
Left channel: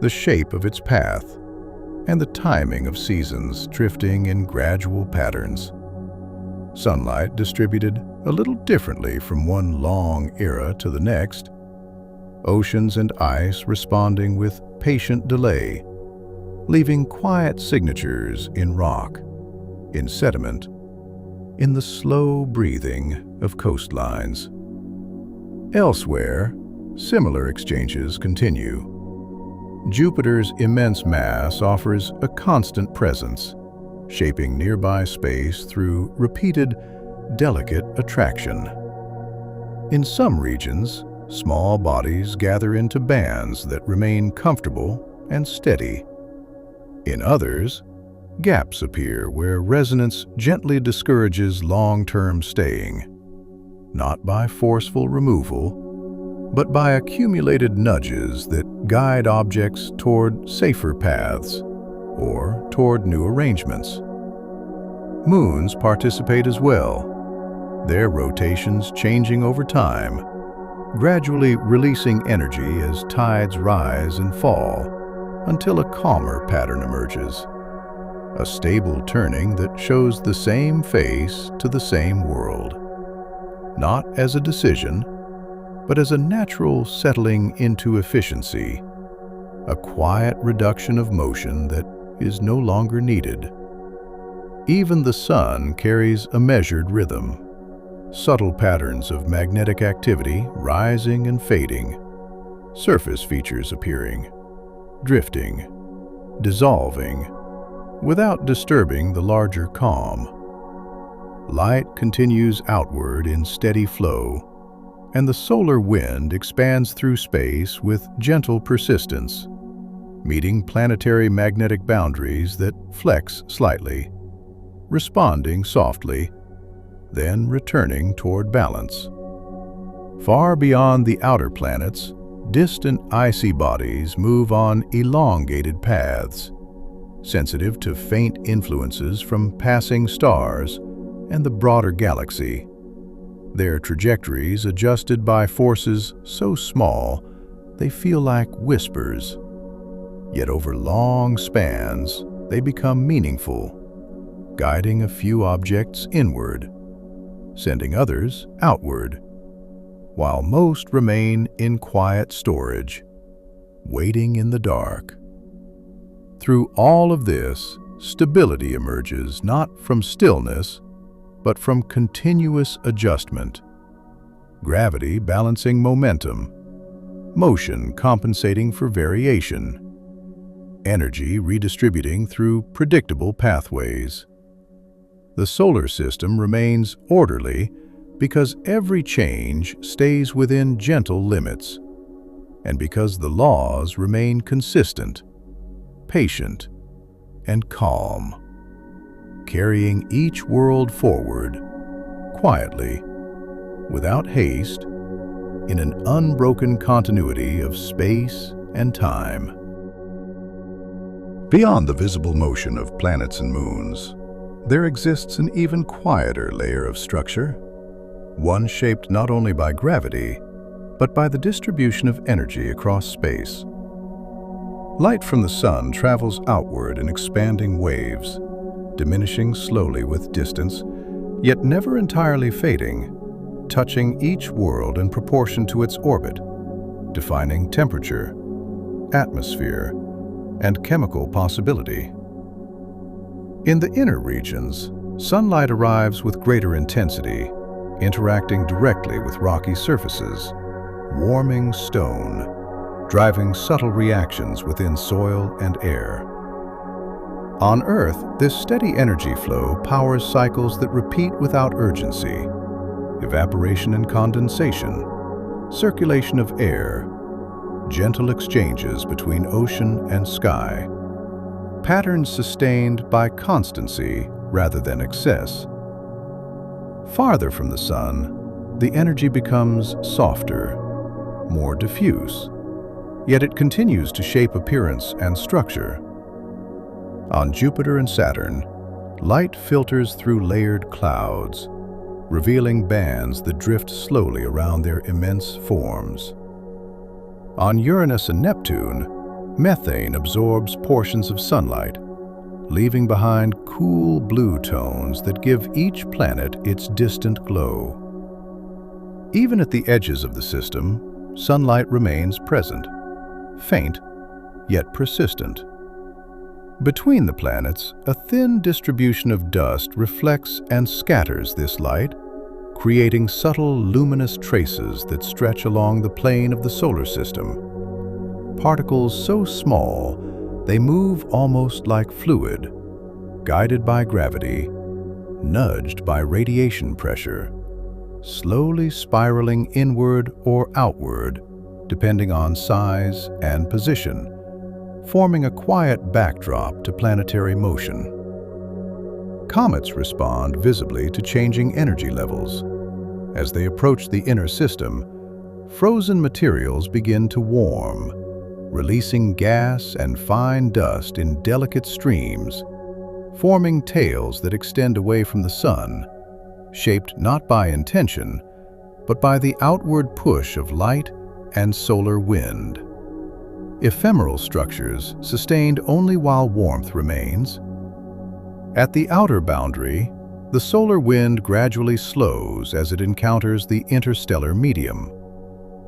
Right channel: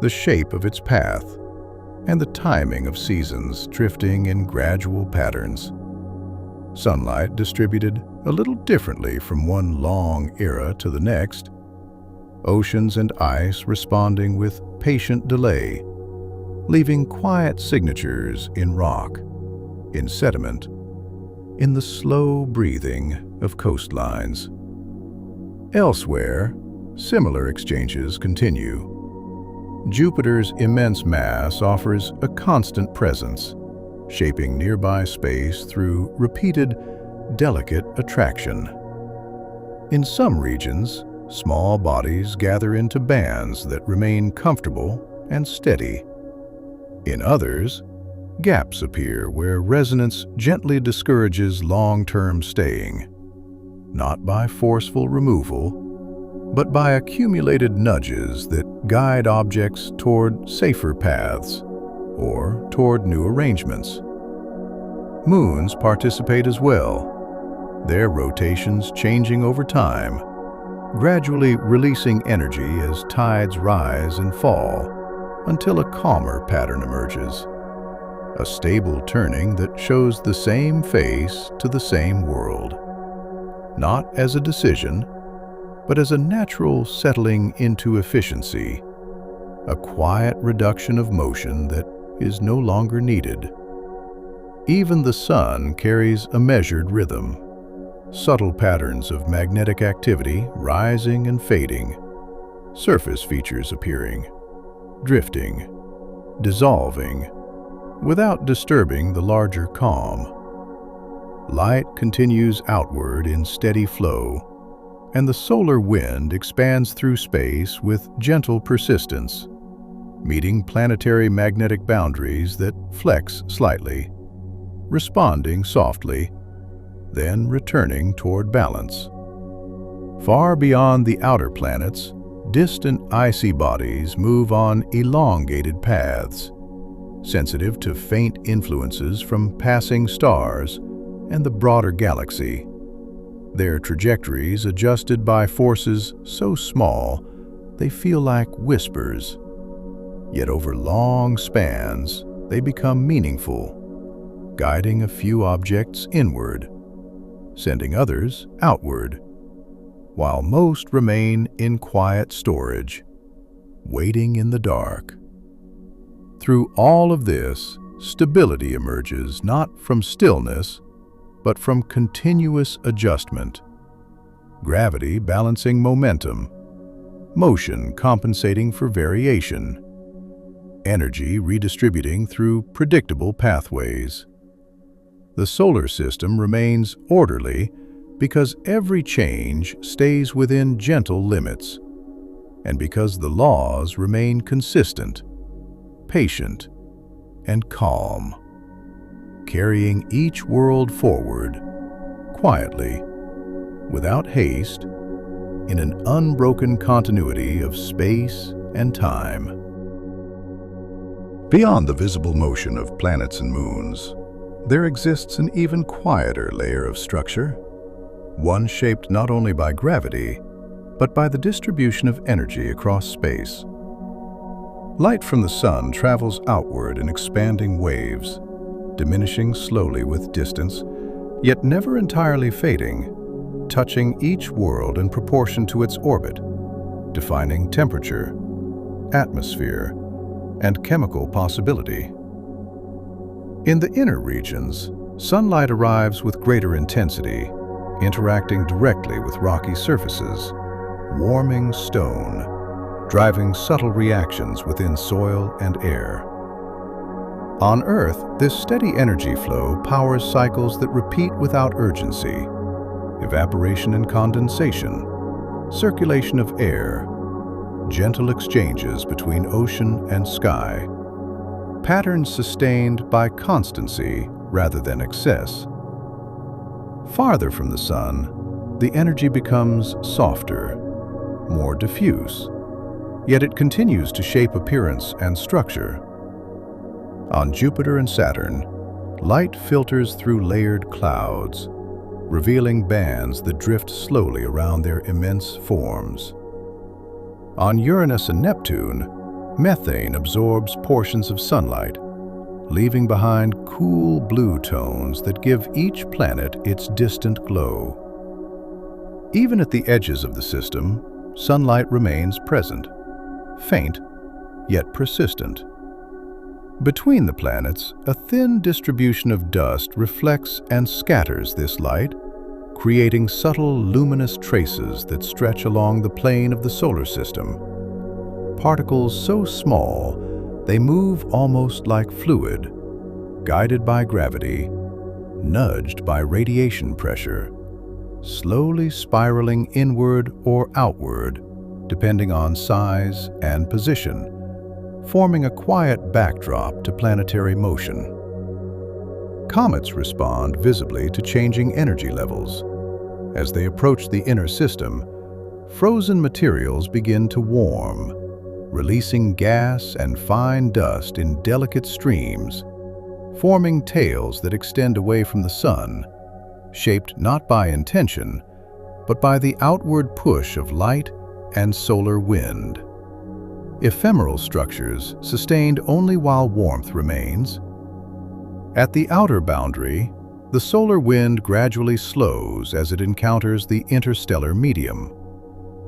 the shape of its path, and the timing of seasons drifting in gradual patterns. Sunlight distributed a little differently from one long era to the next, oceans and ice responding with patient delay, leaving quiet signatures in rock, in sediment, in the slow breathing of coastlines. Elsewhere, similar exchanges continue. Jupiter's immense mass offers a constant presence, shaping nearby space through repeated, delicate attraction. In some regions, small bodies gather into bands that remain comfortable and steady. In others, gaps appear where resonance gently discourages long-term staying, not by forceful removal, but by accumulated nudges that guide objects toward safer paths or toward new arrangements. Moons participate as well, their rotations changing over time, gradually releasing energy as tides rise and fall until a calmer pattern emerges. A stable turning that shows the same face to the same world, not as a decision, but as a natural settling into efficiency, a quiet reduction of motion that is no longer needed. Even the sun carries a measured rhythm, subtle patterns of magnetic activity rising and fading, surface features appearing, drifting, dissolving, without disturbing the larger calm. Light continues outward in steady flow, and the solar wind expands through space with gentle persistence, meeting planetary magnetic boundaries that flex slightly, responding softly, then returning toward balance. Far beyond the outer planets, distant icy bodies move on elongated paths, sensitive to faint influences from passing stars and the broader galaxy, their trajectories adjusted by forces so small they feel like whispers. Yet over long spans, they become meaningful, guiding a few objects inward, sending others outward, while most remain in quiet storage, waiting in the dark. Through all of this, stability emerges not from stillness, but from continuous adjustment. Gravity balancing momentum, motion compensating for variation, energy redistributing through predictable pathways. The solar system remains orderly because every change stays within gentle limits, and because the laws remain consistent, patient, and calm, carrying each world forward, quietly, without haste, in an unbroken continuity of space and time. Beyond the visible motion of planets and moons, there exists an even quieter layer of structure, one shaped not only by gravity, but by the distribution of energy across space. Light from the sun travels outward in expanding waves, diminishing slowly with distance, yet never entirely fading, touching each world in proportion to its orbit, defining temperature, atmosphere, and chemical possibility. In the inner regions, sunlight arrives with greater intensity, interacting directly with rocky surfaces, warming stone, driving subtle reactions within soil and air. On Earth, this steady energy flow powers cycles that repeat without urgency: evaporation and condensation, circulation of air, gentle exchanges between ocean and sky, patterns sustained by constancy rather than excess. Farther from the sun, the energy becomes softer, more diffuse, yet it continues to shape appearance and structure. On Jupiter and Saturn, light filters through layered clouds, revealing bands that drift slowly around their immense forms. On Uranus and Neptune, methane absorbs portions of sunlight, leaving behind cool blue tones that give each planet its distant glow. Even at the edges of the system, sunlight remains present, faint, yet persistent. Between the planets, a thin distribution of dust reflects and scatters this light, creating subtle luminous traces that stretch along the plane of the solar system. Particles so small, they move almost like fluid, guided by gravity, nudged by radiation pressure, slowly spiraling inward or outward, depending on size and position, forming a quiet backdrop to planetary motion. Comets respond visibly to changing energy levels. As they approach the inner system, frozen materials begin to warm, releasing gas and fine dust in delicate streams, forming tails that extend away from the sun, shaped not by intention, but by the outward push of light and solar wind. Ephemeral structures sustained only while warmth remains. At the outer boundary, the solar wind gradually slows as it encounters the interstellar medium.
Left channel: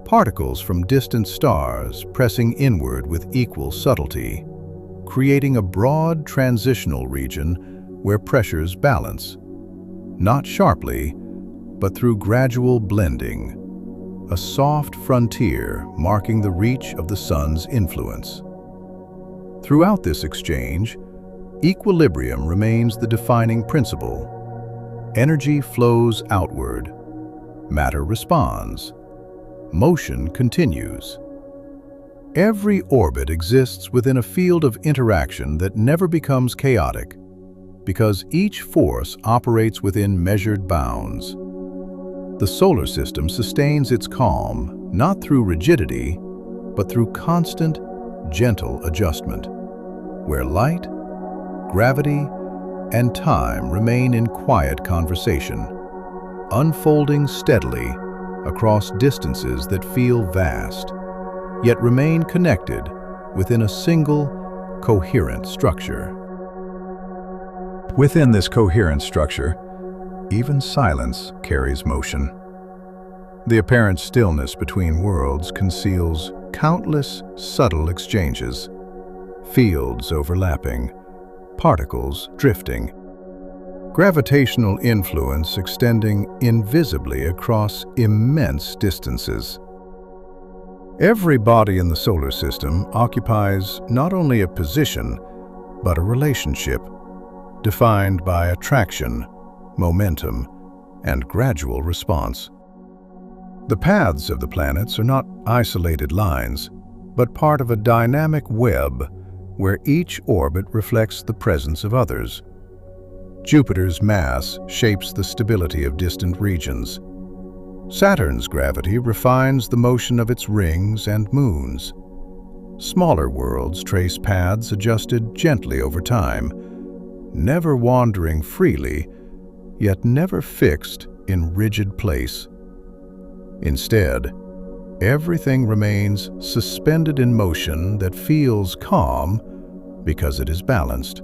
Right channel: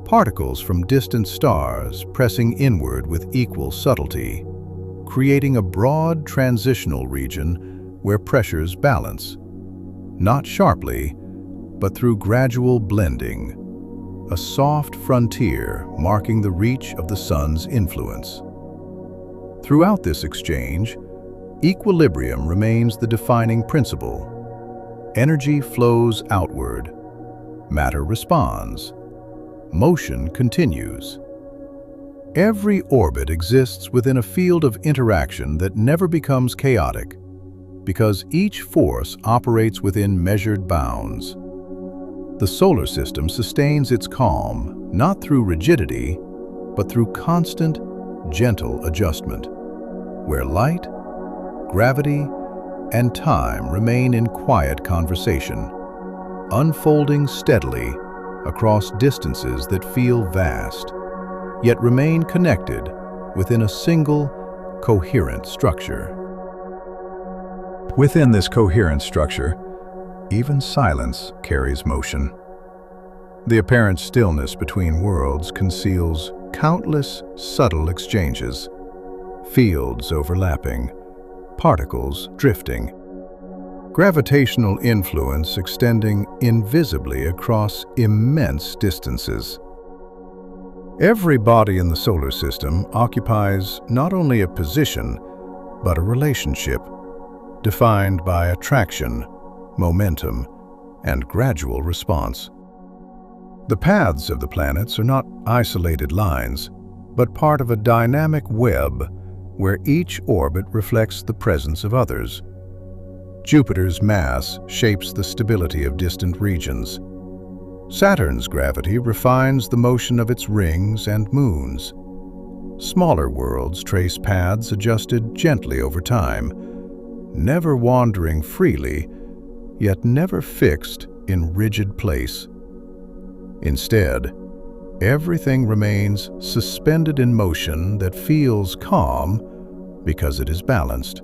Particles from distant stars pressing inward with equal subtlety, creating a broad transitional region where pressures balance, not sharply, but through gradual blending, a soft frontier marking the reach of the sun's influence. Throughout this exchange, equilibrium remains the defining principle. Energy flows outward, matter responds, motion continues. Every orbit exists within a field of interaction that never becomes chaotic, because each force operates within measured bounds. The solar system sustains its calm not through rigidity, but through constant, gentle adjustment, where light, gravity, and time remain in quiet conversation, unfolding steadily across distances that feel vast, yet remain connected within a single, coherent structure. Within this coherent structure, even silence carries motion. The apparent stillness between worlds conceals countless subtle exchanges, fields overlapping, particles drifting, gravitational influence extending invisibly across immense distances. Every body in the solar system occupies not only a position, but a relationship, defined by attraction, momentum, and gradual response. The paths of the planets are not isolated lines, but part of a dynamic web where each orbit reflects the presence of others. Jupiter's mass shapes the stability of distant regions. Saturn's gravity refines the motion of its rings and moons. Smaller worlds trace paths adjusted gently over time, never wandering freely, yet never fixed in rigid place. Instead, everything remains suspended in motion that feels calm because it is balanced.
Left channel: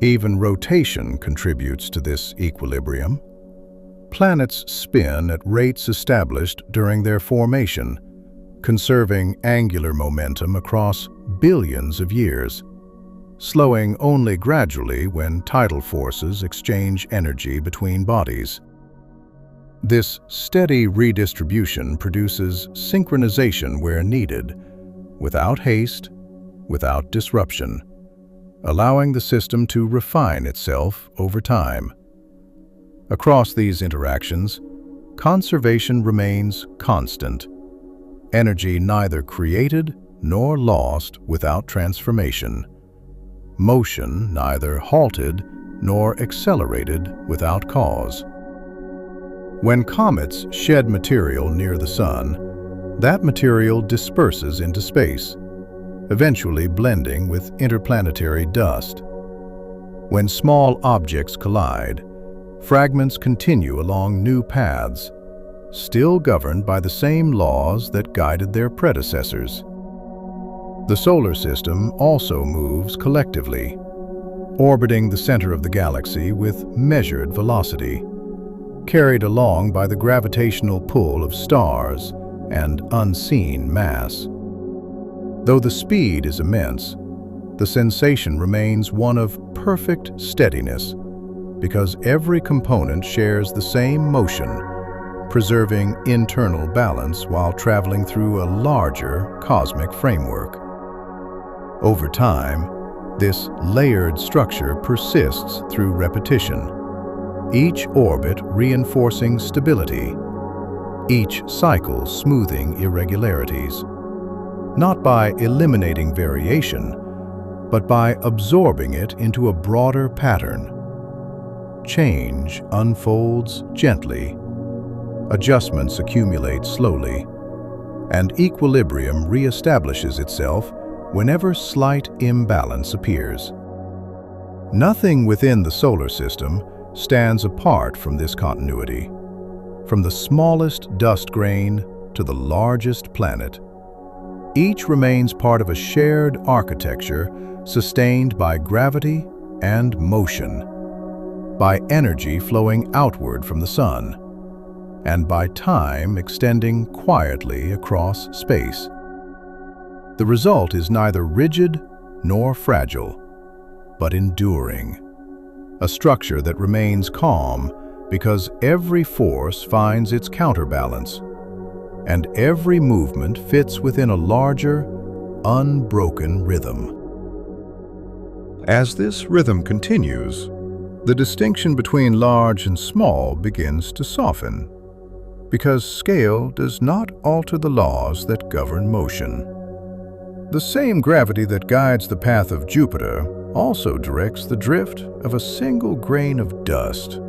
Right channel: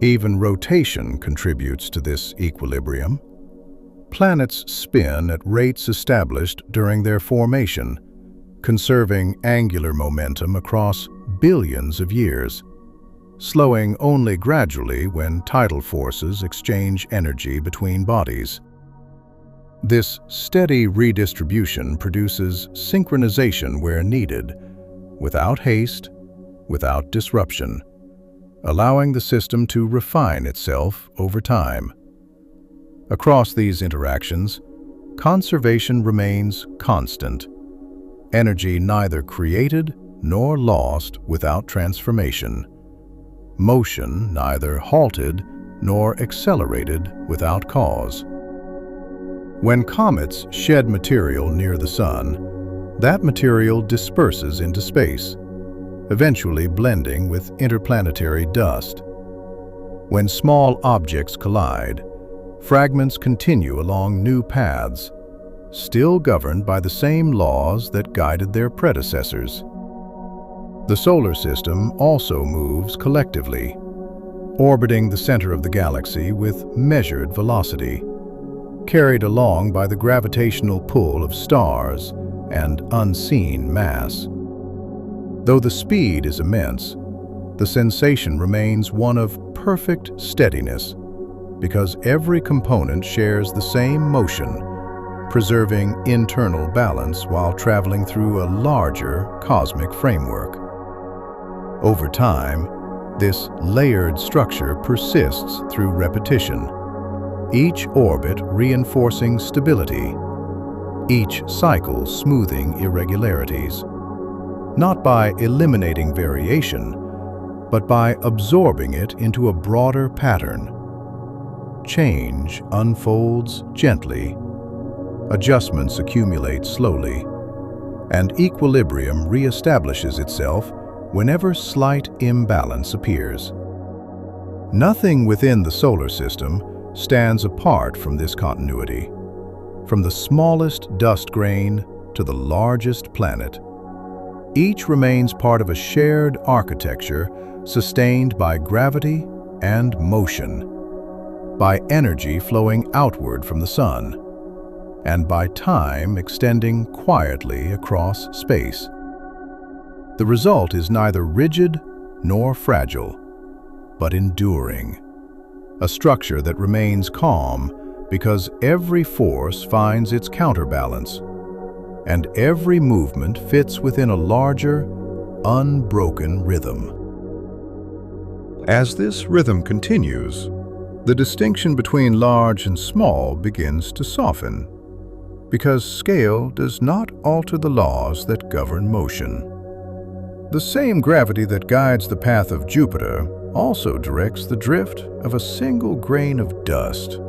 Even rotation contributes to this equilibrium. Planets spin at rates established during their formation, conserving angular momentum across billions of years, slowing only gradually when tidal forces exchange energy between bodies. This steady redistribution produces synchronization where needed, without haste, without disruption, allowing the system to refine itself over time. Across these interactions, conservation remains constant, energy neither created nor lost without transformation, motion neither halted nor accelerated without cause. When comets shed material near the sun, that material disperses into space, eventually blending with interplanetary dust. When small objects collide, fragments continue along new paths, still governed by the same laws that guided their predecessors. The solar system also moves collectively, orbiting the center of the galaxy with measured velocity, carried along by the gravitational pull of stars and unseen mass. Though the speed is immense, the sensation remains one of perfect steadiness because every component shares the same motion, preserving internal balance while traveling through a larger cosmic framework. Over time, this layered structure persists through repetition, each orbit reinforcing stability, each cycle smoothing irregularities, not by eliminating variation, but by absorbing it into a broader pattern. Change unfolds gently, adjustments accumulate slowly, and equilibrium reestablishes itself whenever slight imbalance appears. Nothing within the solar system stands apart from this continuity. From the smallest dust grain to the largest planet, each remains part of a shared architecture sustained by gravity and motion, by energy flowing outward from the sun, and by time extending quietly across space. The result is neither rigid nor fragile, but enduring, a structure that remains calm because every force finds its counterbalance, and every movement fits within a larger, unbroken rhythm. As this rhythm continues, the distinction between large and small begins to soften, because scale does not alter the laws that govern motion. The same gravity that guides the path of Jupiter also directs the drift of a single grain of dust.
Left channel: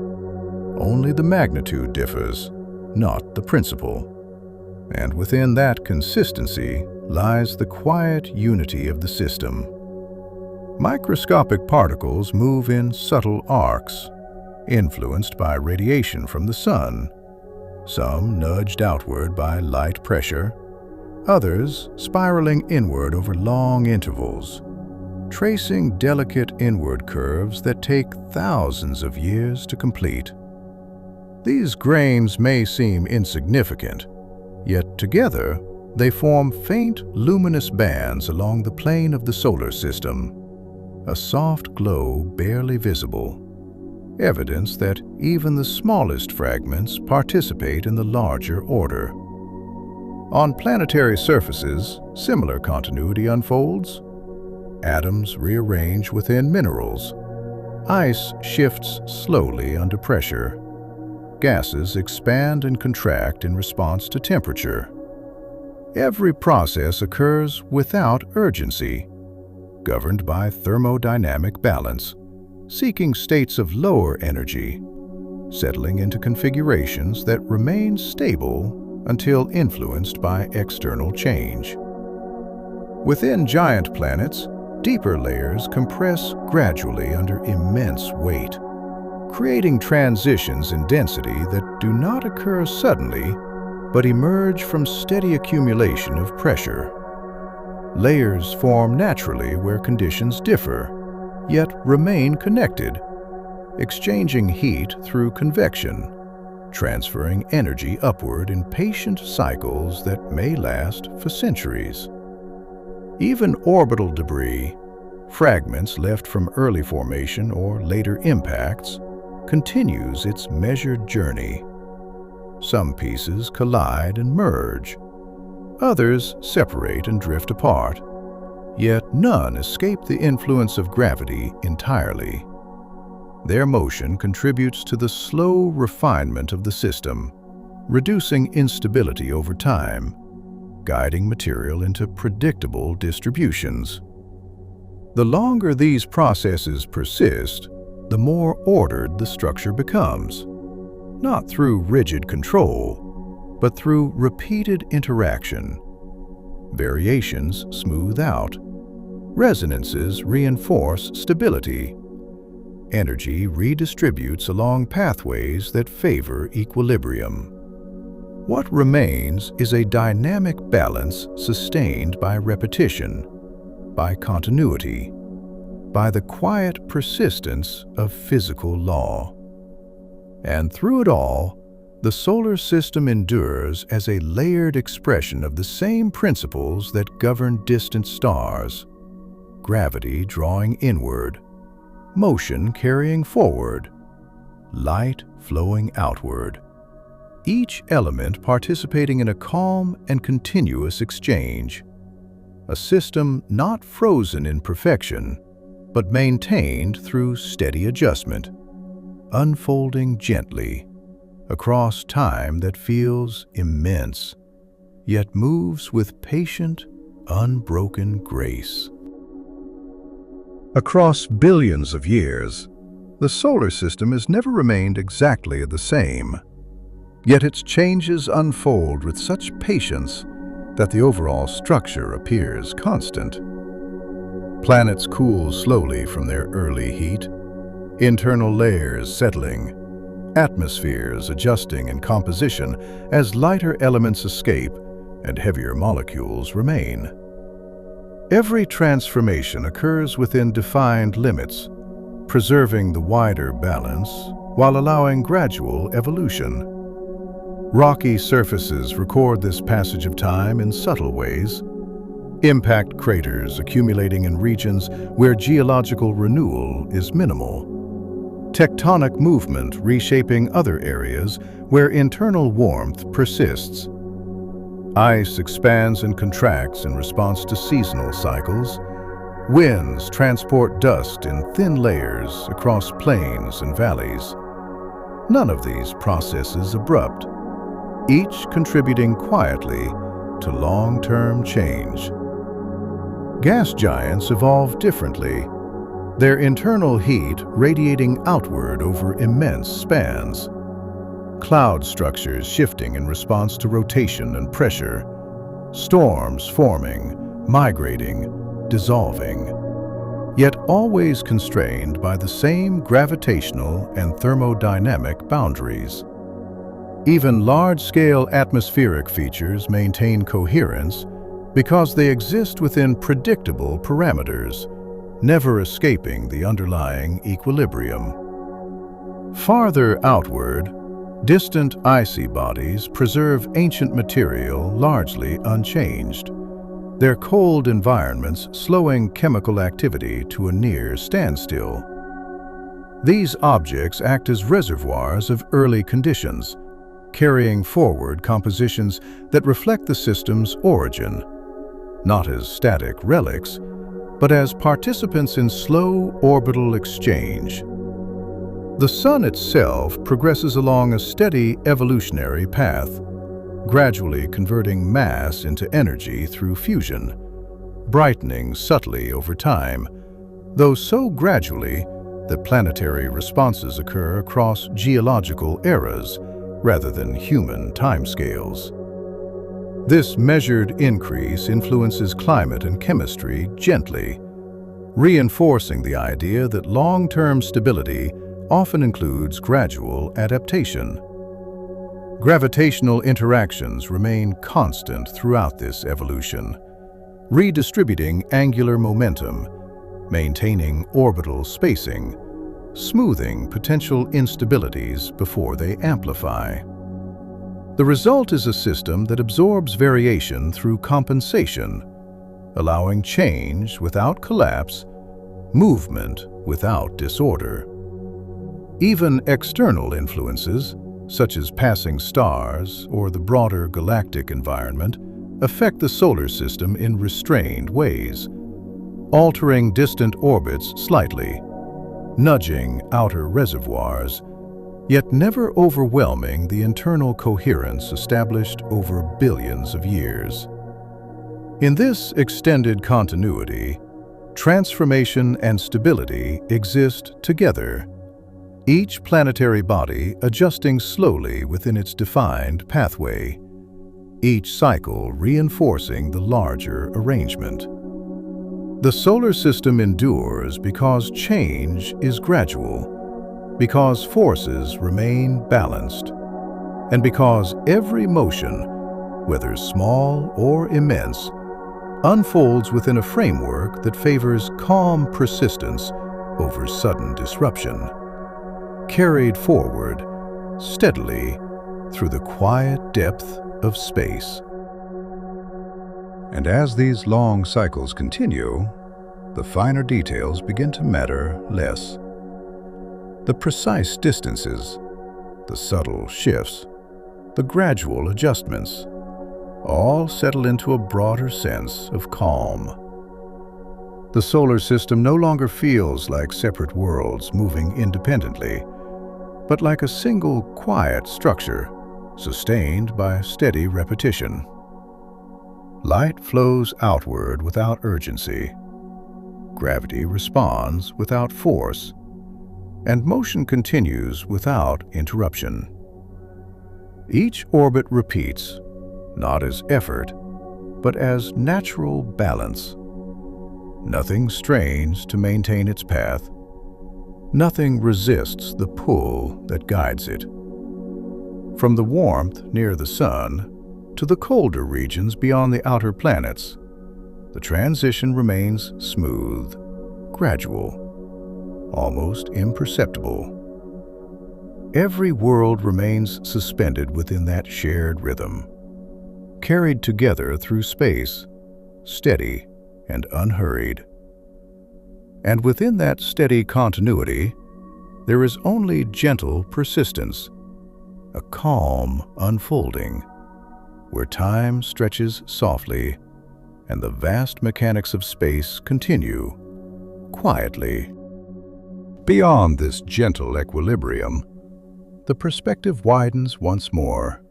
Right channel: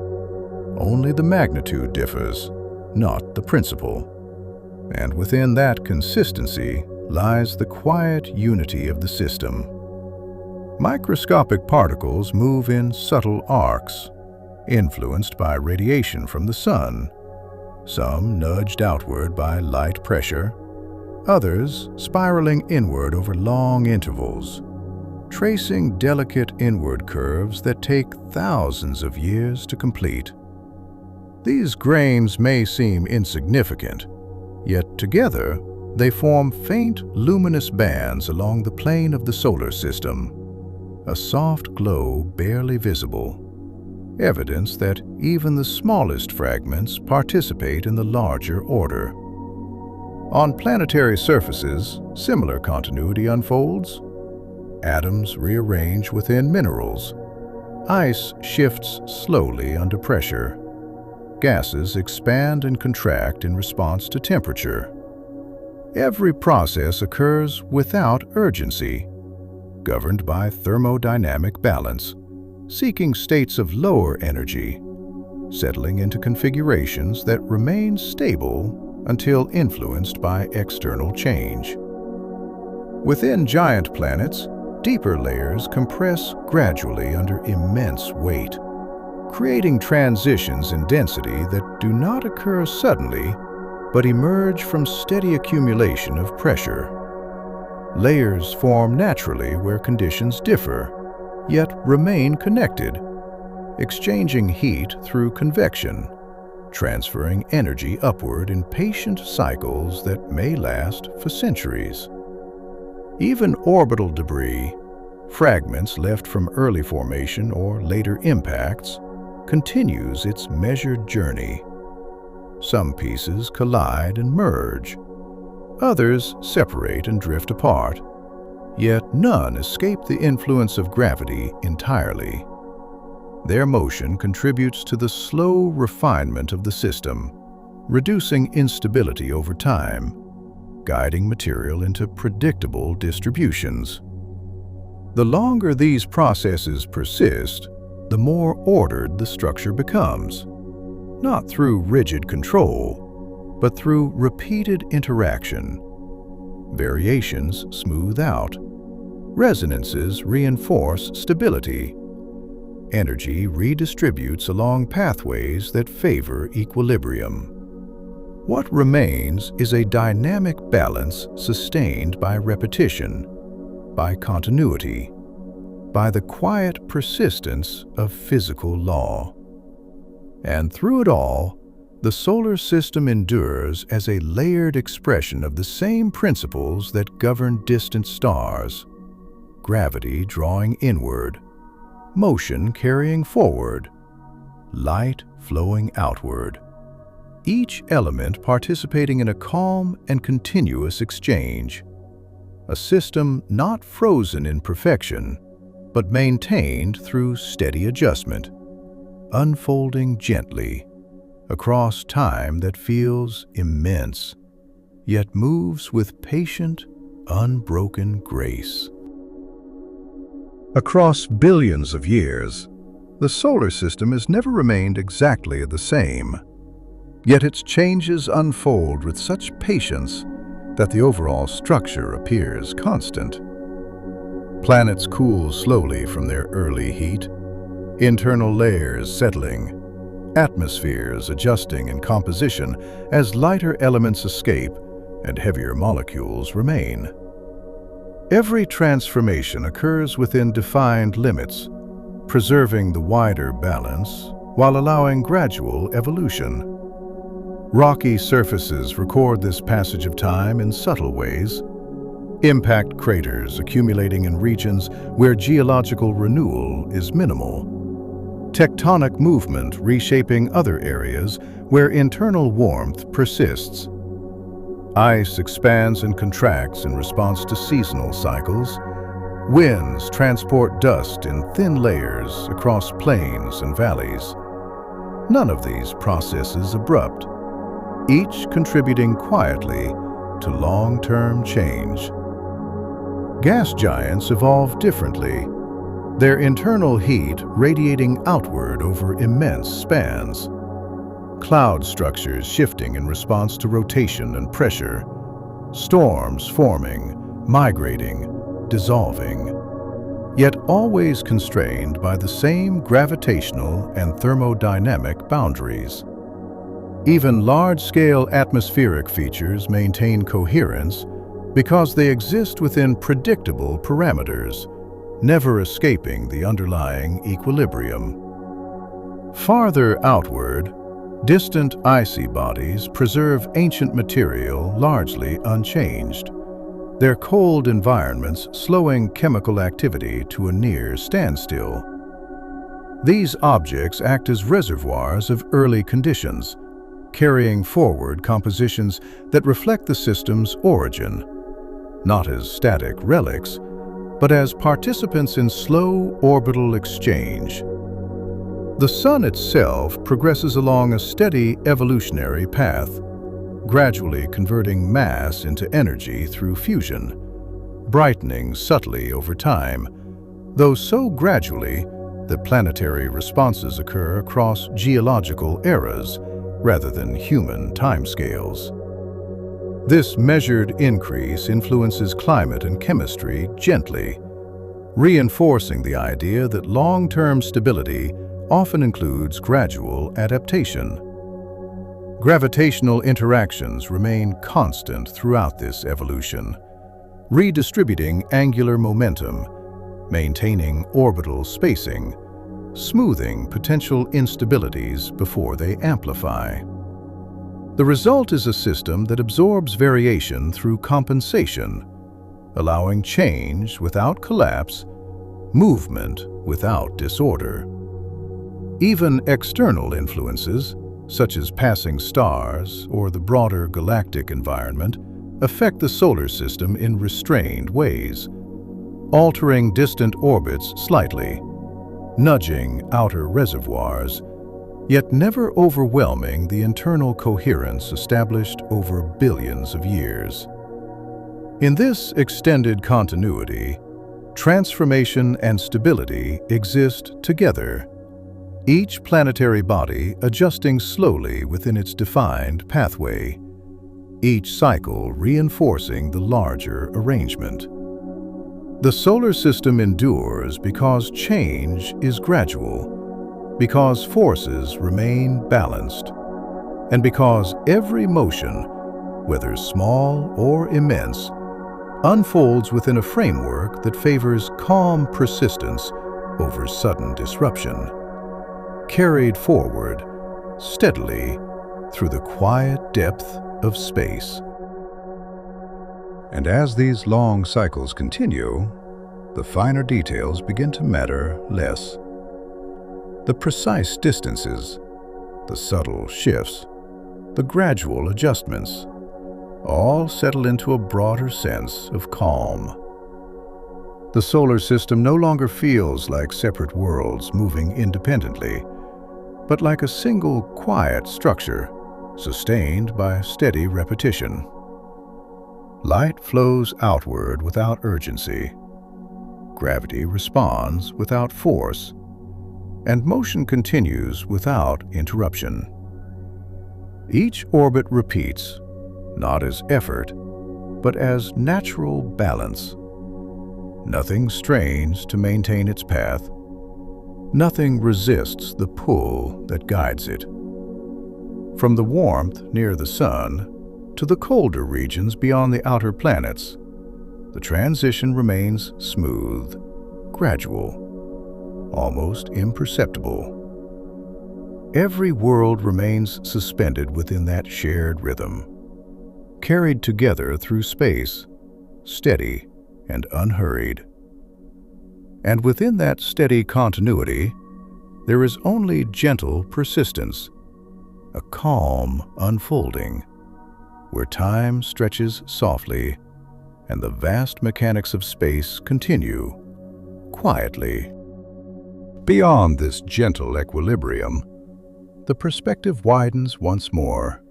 Only the magnitude differs, not the principle. And within that consistency lies the quiet unity of the system. Microscopic particles move in subtle arcs, influenced by radiation from the sun, some nudged outward by light pressure, others spiraling inward over long intervals, tracing delicate inward curves that take thousands of years to complete. These grains may seem insignificant, yet together they form faint luminous bands along the plane of the solar system, a soft glow barely visible, evidence that even the smallest fragments participate in the larger order. On planetary surfaces, similar continuity unfolds. Atoms rearrange within minerals. Ice shifts slowly under pressure. Gases expand and contract in response to temperature. Every process occurs without urgency, governed by thermodynamic balance, seeking states of lower energy, settling into configurations that remain stable until influenced by external change. Within giant planets, deeper layers compress gradually under immense weight, creating transitions in density that do not occur suddenly, but emerge from steady accumulation of pressure. Layers form naturally where conditions differ, yet remain connected, exchanging heat through convection, transferring energy upward in patient cycles that may last for centuries. Even orbital debris, fragments left from early formation or later impacts, continues its measured journey. Some pieces collide and merge, others separate and drift apart, yet none escape the influence of gravity entirely. Their motion contributes to the slow refinement of the system, reducing instability over time, guiding material into predictable distributions. The longer these processes persist, the more ordered the structure becomes, not through rigid control, but through repeated interaction. Variations smooth out, resonances reinforce stability, energy redistributes along pathways that favor equilibrium. What remains is a dynamic balance sustained by repetition, by continuity, by the quiet persistence of physical law. And through it all, the solar system endures as a layered expression of the same principles that govern distant stars: gravity drawing inward, motion carrying forward, light flowing outward, each element participating in a calm and continuous exchange, a system not frozen in perfection, but maintained through steady adjustment, unfolding gently across time that feels immense, yet moves with patient, unbroken grace. Across billions of years, the solar system has never remained exactly the same, yet its changes unfold with such patience that the overall structure appears constant. Planets cool slowly from their early heat, internal layers settling, atmospheres adjusting in composition as lighter elements escape and heavier molecules remain. Every transformation occurs within defined limits, preserving the wider balance while allowing gradual evolution. Rocky surfaces record this passage of time in subtle ways. Impact craters accumulating in regions where geological renewal is minimal. Tectonic movement reshaping other areas where internal warmth persists. Ice expands and contracts in response to seasonal cycles. Winds transport dust in thin layers across plains and valleys. None of these processes abrupt, each contributing quietly to long-term change. Gas giants evolve differently, their internal heat radiating outward over immense spans. Cloud structures shifting in response to rotation and pressure. Storms forming, migrating, dissolving, yet always constrained by the same gravitational and thermodynamic boundaries. Even large-scale atmospheric features maintain coherence because they exist within predictable parameters, never escaping the underlying equilibrium. Farther outward, distant icy bodies preserve ancient material largely unchanged, their cold environments slowing chemical activity to a near standstill. These objects act as reservoirs of early conditions, carrying forward compositions that reflect the system's origin, not as static relics, but as participants in slow orbital exchange. The Sun itself progresses along a steady evolutionary path, gradually converting mass into energy through fusion, brightening subtly over time, though so gradually that planetary responses occur across geological eras rather than human timescales. This measured increase influences climate and chemistry gently, reinforcing the idea that long-term stability often includes gradual adaptation. Gravitational interactions remain constant throughout this evolution, redistributing angular momentum, maintaining orbital spacing, smoothing potential instabilities before they amplify. The result is a system that absorbs variation through compensation, allowing change without collapse, movement without disorder. Even external influences, such as passing stars or the broader galactic environment, affect the solar system in restrained ways, altering distant orbits slightly, nudging outer reservoirs, yet never overwhelming the internal coherence established over billions of years. In this extended continuity, transformation and stability exist together, each planetary body adjusting slowly within its defined pathway, each cycle reinforcing the larger arrangement. The solar system endures because change is gradual, because forces remain balanced, and because every motion, whether small or immense, unfolds within a framework that favors calm persistence over sudden disruption, carried forward steadily through the quiet depth of space. And as these long cycles continue, the finer details begin to matter less. The precise distances, the subtle shifts, the gradual adjustments, all settle into a broader sense of calm. The solar system no longer feels like separate worlds moving independently, but like a single quiet structure sustained by steady repetition. Light flows outward without urgency. Gravity responds without force, and motion continues without interruption. Each orbit repeats, not as effort, but as natural balance. Nothing strains to maintain its path. Nothing resists the pull that guides it. From the warmth near the sun to the colder regions beyond the outer planets, the transition remains smooth, gradual, almost imperceptible. Every world remains suspended within that shared rhythm, carried together through space, steady and unhurried. And within that steady continuity, there is only gentle persistence, a calm unfolding, where time stretches softly and the vast mechanics of space continue quietly. Beyond this gentle equilibrium, the perspective widens once more,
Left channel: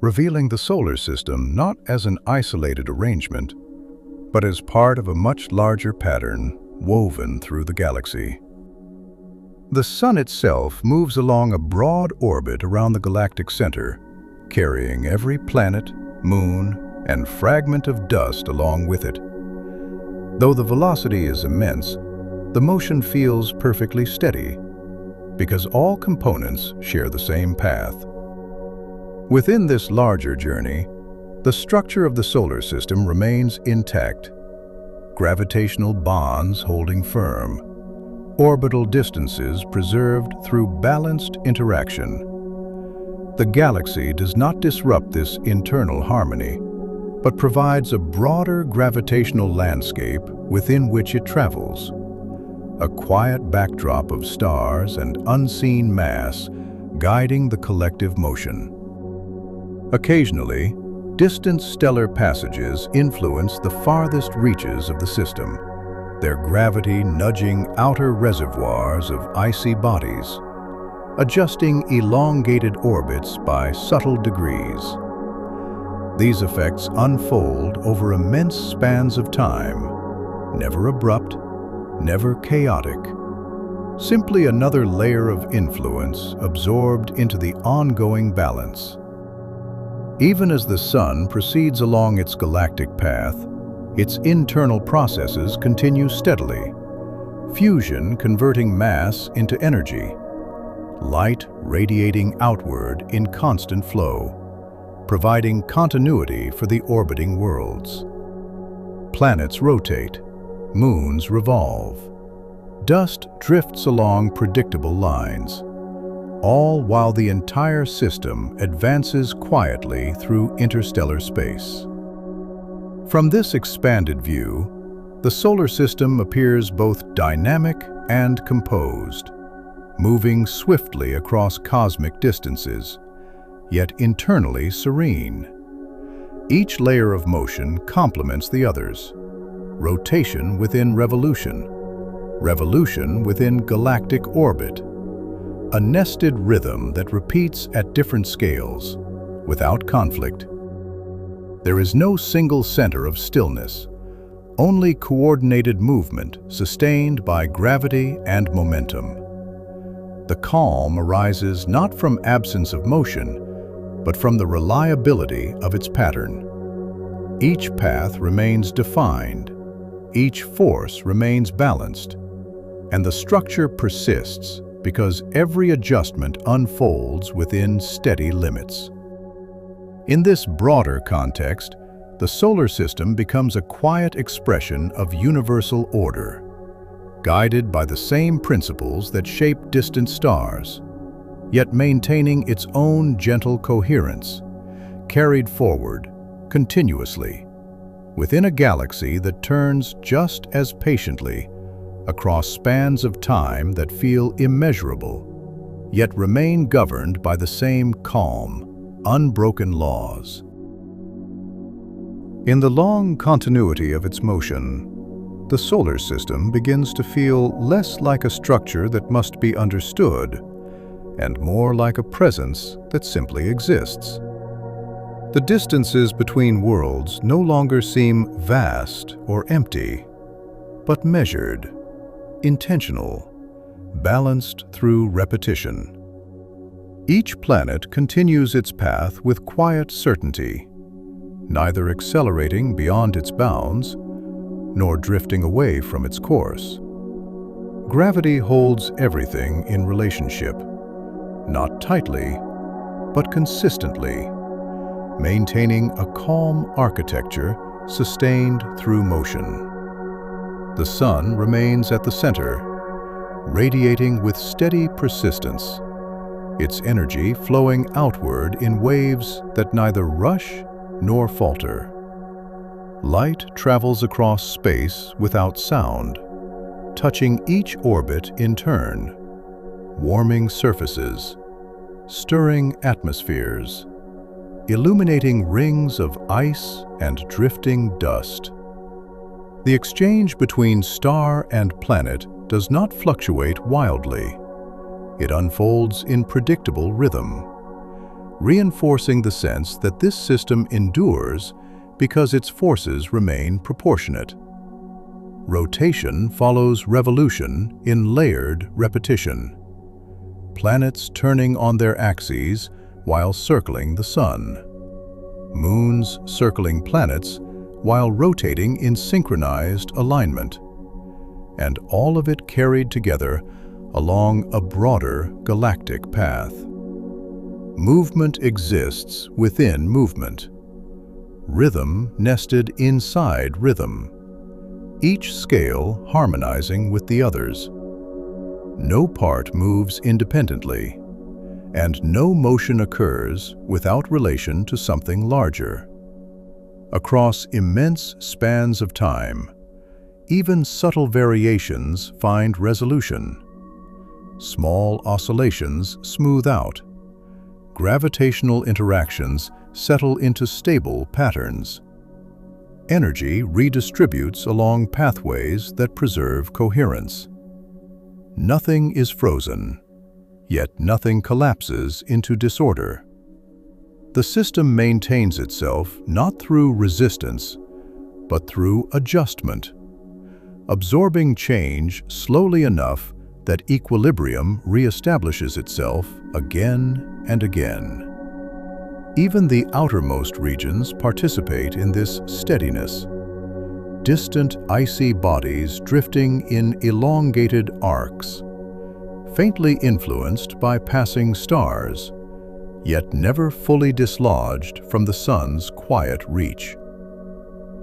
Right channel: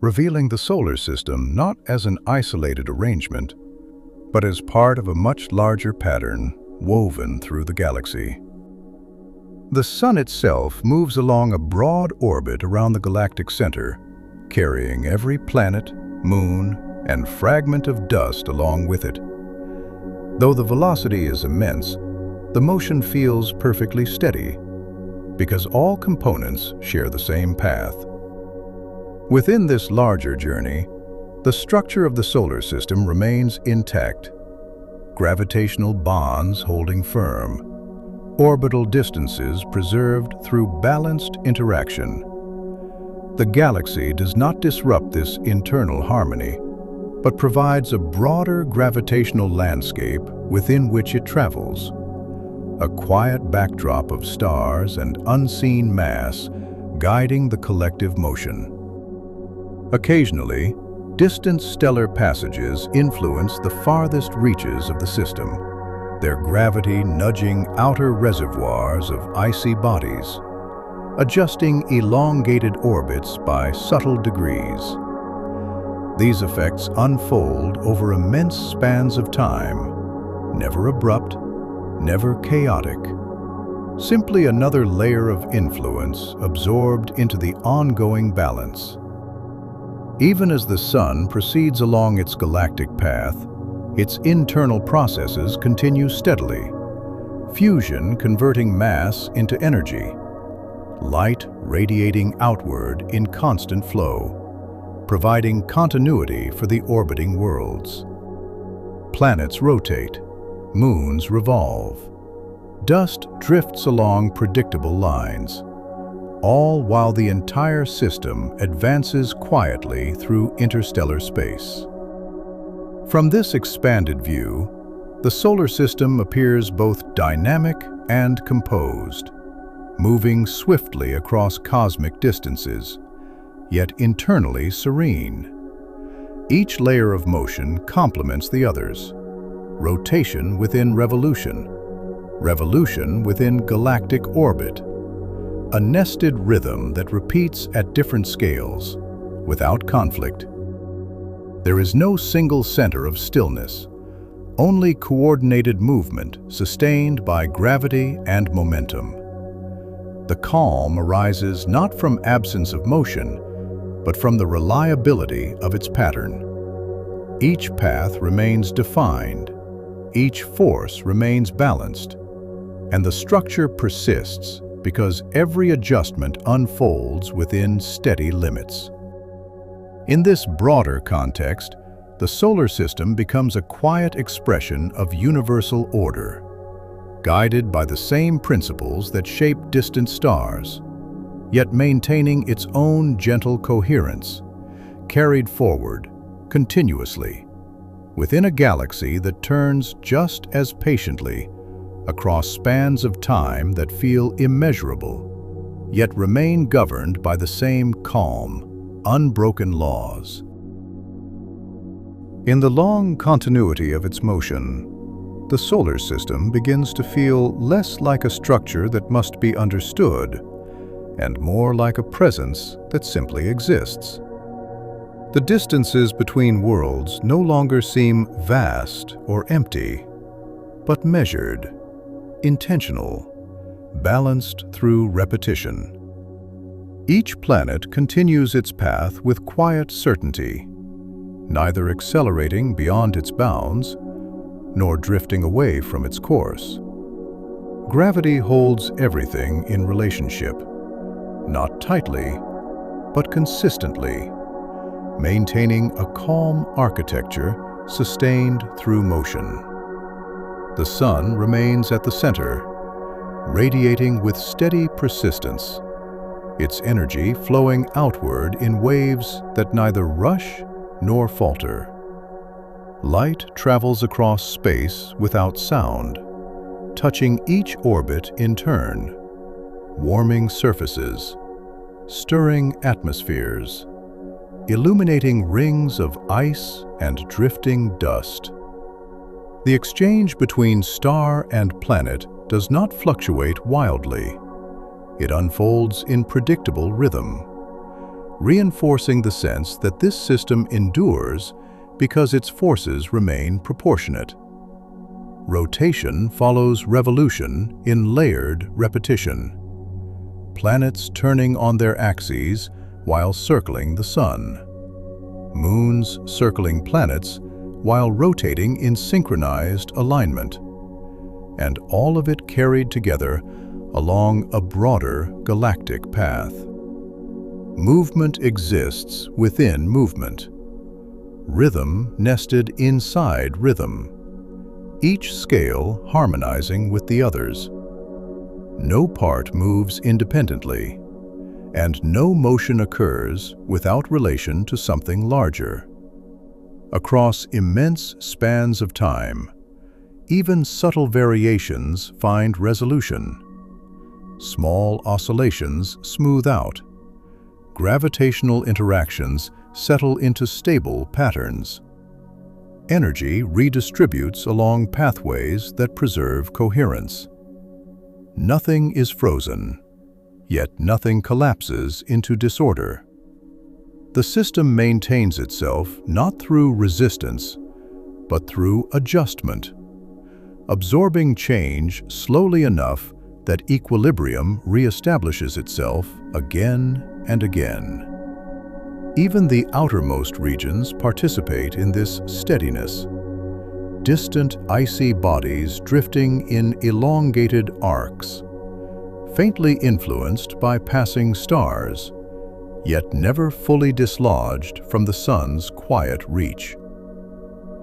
revealing the solar system not as an isolated arrangement, but as part of a much larger pattern woven through the galaxy. The Sun itself moves along a broad orbit around the galactic center, carrying every planet, moon, and fragment of dust along with it. Though the velocity is immense, the motion feels perfectly steady, because all components share the same path. Within this larger journey, the structure of the solar system remains intact. Gravitational bonds holding firm, orbital distances preserved through balanced interaction. The galaxy does not disrupt this internal harmony, but provides a broader gravitational landscape within which it travels. A quiet backdrop of stars and unseen mass guiding the collective motion. Occasionally, distant stellar passages influence the farthest reaches of the system, their gravity nudging outer reservoirs of icy bodies, adjusting elongated orbits by subtle degrees. These effects unfold over immense spans of time, never abrupt, never chaotic, simply another layer of influence absorbed into the ongoing balance. Even as the Sun proceeds along its galactic path, its internal processes continue steadily, fusion converting mass into energy, light radiating outward in constant flow, providing continuity for the orbiting worlds. Planets rotate, moons revolve, dust drifts along predictable lines, all while the entire system advances quietly through interstellar space. From this expanded view, the solar system appears both dynamic and composed, moving swiftly across cosmic distances, yet internally serene. Each layer of motion complements the others. Rotation within revolution, revolution within galactic orbit, a nested rhythm that repeats at different scales, without conflict. There is no single center of stillness, only coordinated movement sustained by gravity and momentum. The calm arises not from absence of motion, but from the reliability of its pattern. Each path remains defined, each force remains balanced, and the structure persists because every adjustment unfolds within steady limits. In this broader context, the solar system becomes a quiet expression of universal order, guided by the same principles that shape distant stars, yet maintaining its own gentle coherence, carried forward continuously, within a galaxy that turns just as patiently across spans of time that feel immeasurable, yet remain governed by the same calm, unbroken laws. In the long continuity of its motion, the solar system begins to feel less like a structure that must be understood and more like a presence that simply exists. The distances between worlds no longer seem vast or empty, but measured, intentional, balanced through repetition. Each planet continues its path with quiet certainty, neither accelerating beyond its bounds nor drifting away from its course. Gravity holds everything in relationship, not tightly, but consistently, maintaining a calm architecture sustained through motion. The sun remains at the center, radiating with steady persistence, its energy flowing outward in waves that neither rush nor falter. Light travels across space without sound, touching each orbit in turn, warming surfaces, stirring atmospheres, illuminating rings of ice and drifting dust. The exchange between star and planet does not fluctuate wildly. It unfolds in predictable rhythm, reinforcing the sense that this system endures because its forces remain proportionate. Rotation follows revolution in layered repetition, planets turning on their axes while circling the sun, moons circling planets while rotating in synchronized alignment, and all of it carried together along a broader galactic path. Movement exists within movement, rhythm nested inside rhythm, each scale harmonizing with the others. No part moves independently, and no motion occurs without relation to something larger. Across immense spans of time, even subtle variations find resolution. Small oscillations smooth out. Gravitational interactions settle into stable patterns. Energy redistributes along pathways that preserve coherence. Nothing is frozen, yet nothing collapses into disorder. The system maintains itself not through resistance, but through adjustment, absorbing change slowly enough that equilibrium reestablishes itself again and again. Even the outermost regions participate in this steadiness. Distant icy bodies drifting in elongated arcs, faintly influenced by passing stars, yet never fully dislodged from the sun's quiet reach.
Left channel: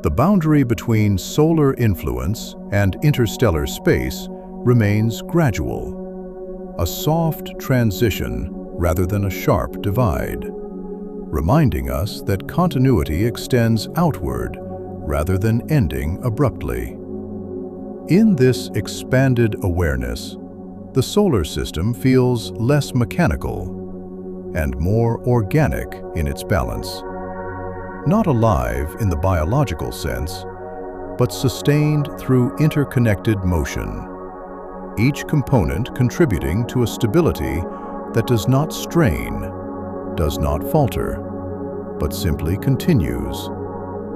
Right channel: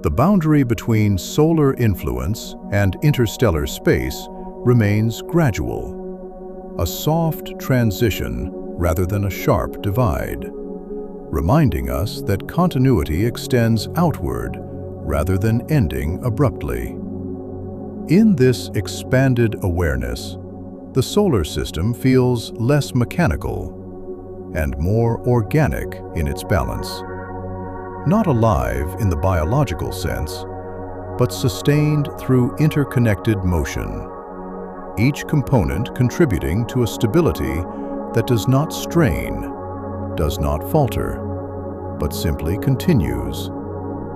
The boundary between solar influence and interstellar space remains gradual, a soft transition rather than a sharp divide, reminding us that continuity extends outward rather than ending abruptly. In this expanded awareness, the solar system feels less mechanical and more organic in its balance. Not alive in the biological sense, but sustained through interconnected motion, each component contributing to a stability that does not strain, does not falter, but simply continues,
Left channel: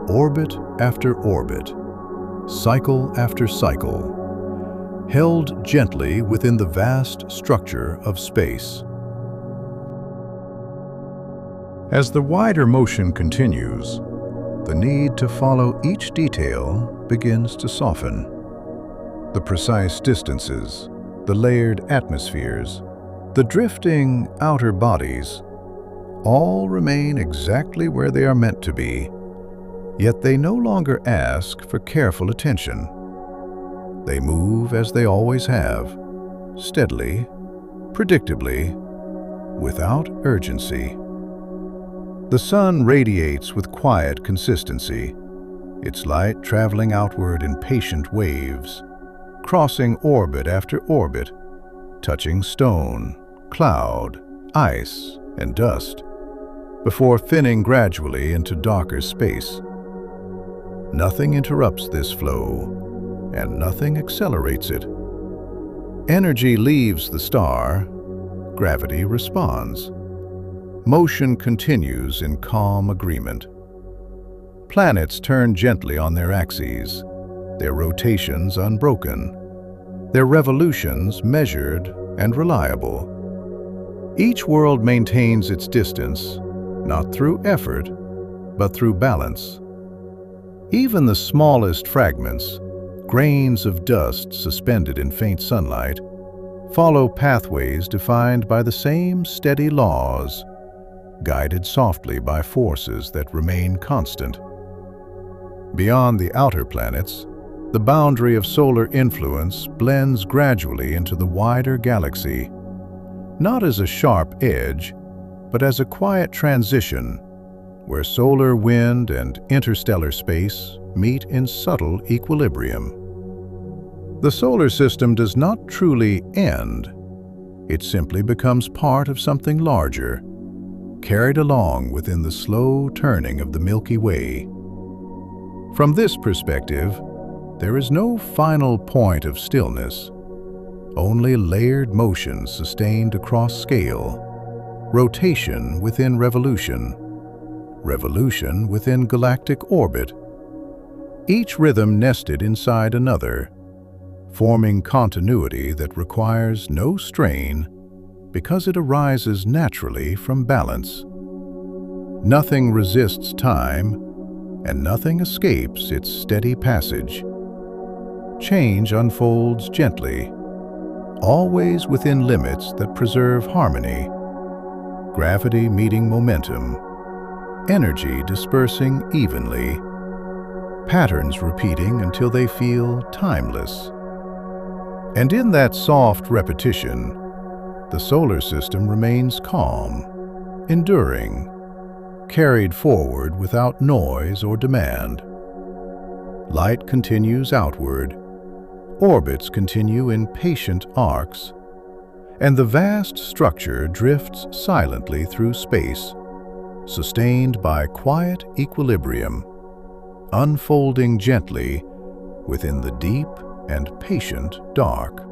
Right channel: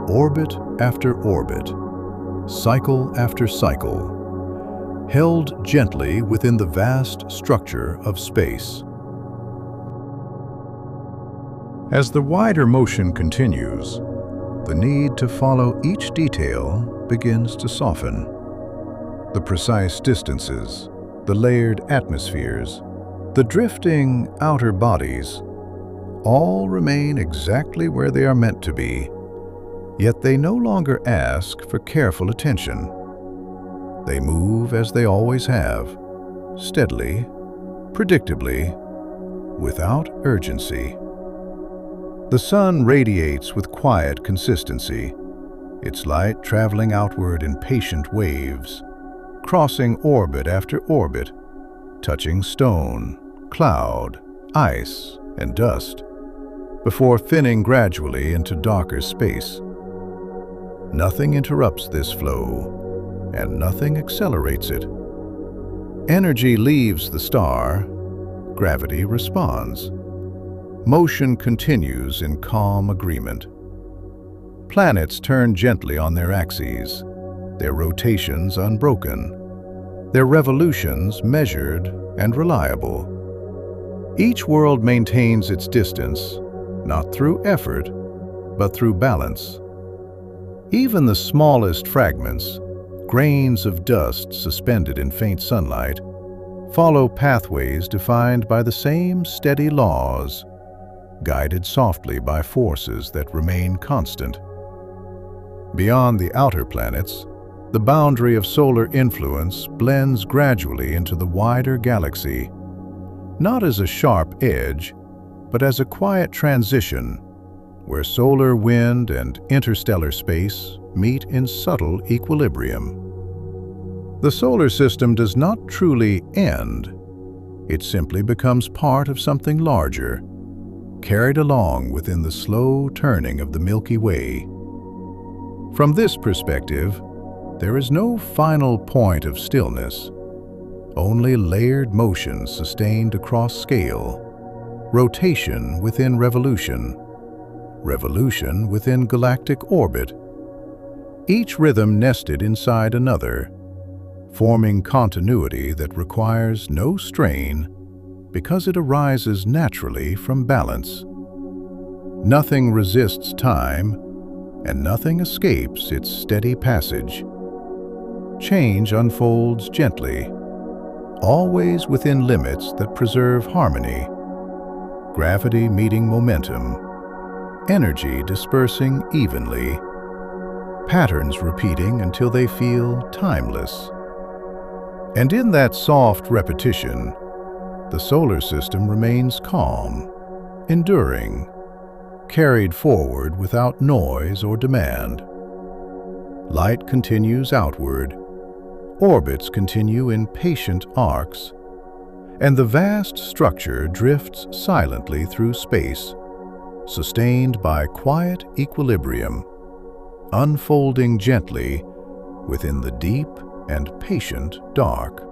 orbit after orbit, cycle after cycle, held gently within the vast structure of space. As the wider motion continues, the need to follow each detail begins to soften. The precise distances, the layered atmospheres, the drifting outer bodies, all remain exactly where they are meant to be, yet they no longer ask for careful attention. They move as they always have, steadily, predictably, without urgency. The sun radiates with quiet consistency, its light traveling outward in patient waves, crossing orbit after orbit, touching stone, cloud, ice, and dust, before thinning gradually into darker space. Nothing interrupts this flow, and nothing accelerates it. Energy leaves the star, gravity responds. Motion continues in calm agreement. Planets turn gently on their axes, their rotations unbroken, their revolutions measured and reliable. Each world maintains its distance, not through effort, but through balance. Even the smallest fragments, grains of dust suspended in faint sunlight, follow pathways defined by the same steady laws, guided softly by forces that remain constant. Beyond the outer planets, the boundary of solar influence blends gradually into the wider galaxy, not as a sharp edge, but as a quiet transition where solar wind and interstellar space meet in subtle equilibrium. The solar system does not truly end. It simply becomes part of something larger, carried along within the slow turning of the Milky Way. From this perspective, there is no final point of stillness, only layered motion sustained across scale, rotation within revolution, revolution within galactic orbit, each rhythm nested inside another, forming continuity that requires no strain because it arises naturally from balance. Nothing resists time, and nothing escapes its steady passage. Change unfolds gently, always within limits that preserve harmony. Gravity meeting momentum, energy dispersing evenly, patterns repeating until they feel timeless. And in that soft repetition, the solar system remains calm, enduring, carried forward without noise or demand. Light continues outward, orbits continue in patient arcs, and the vast structure drifts silently through space, sustained by quiet equilibrium, unfolding gently within the deep and patient dark.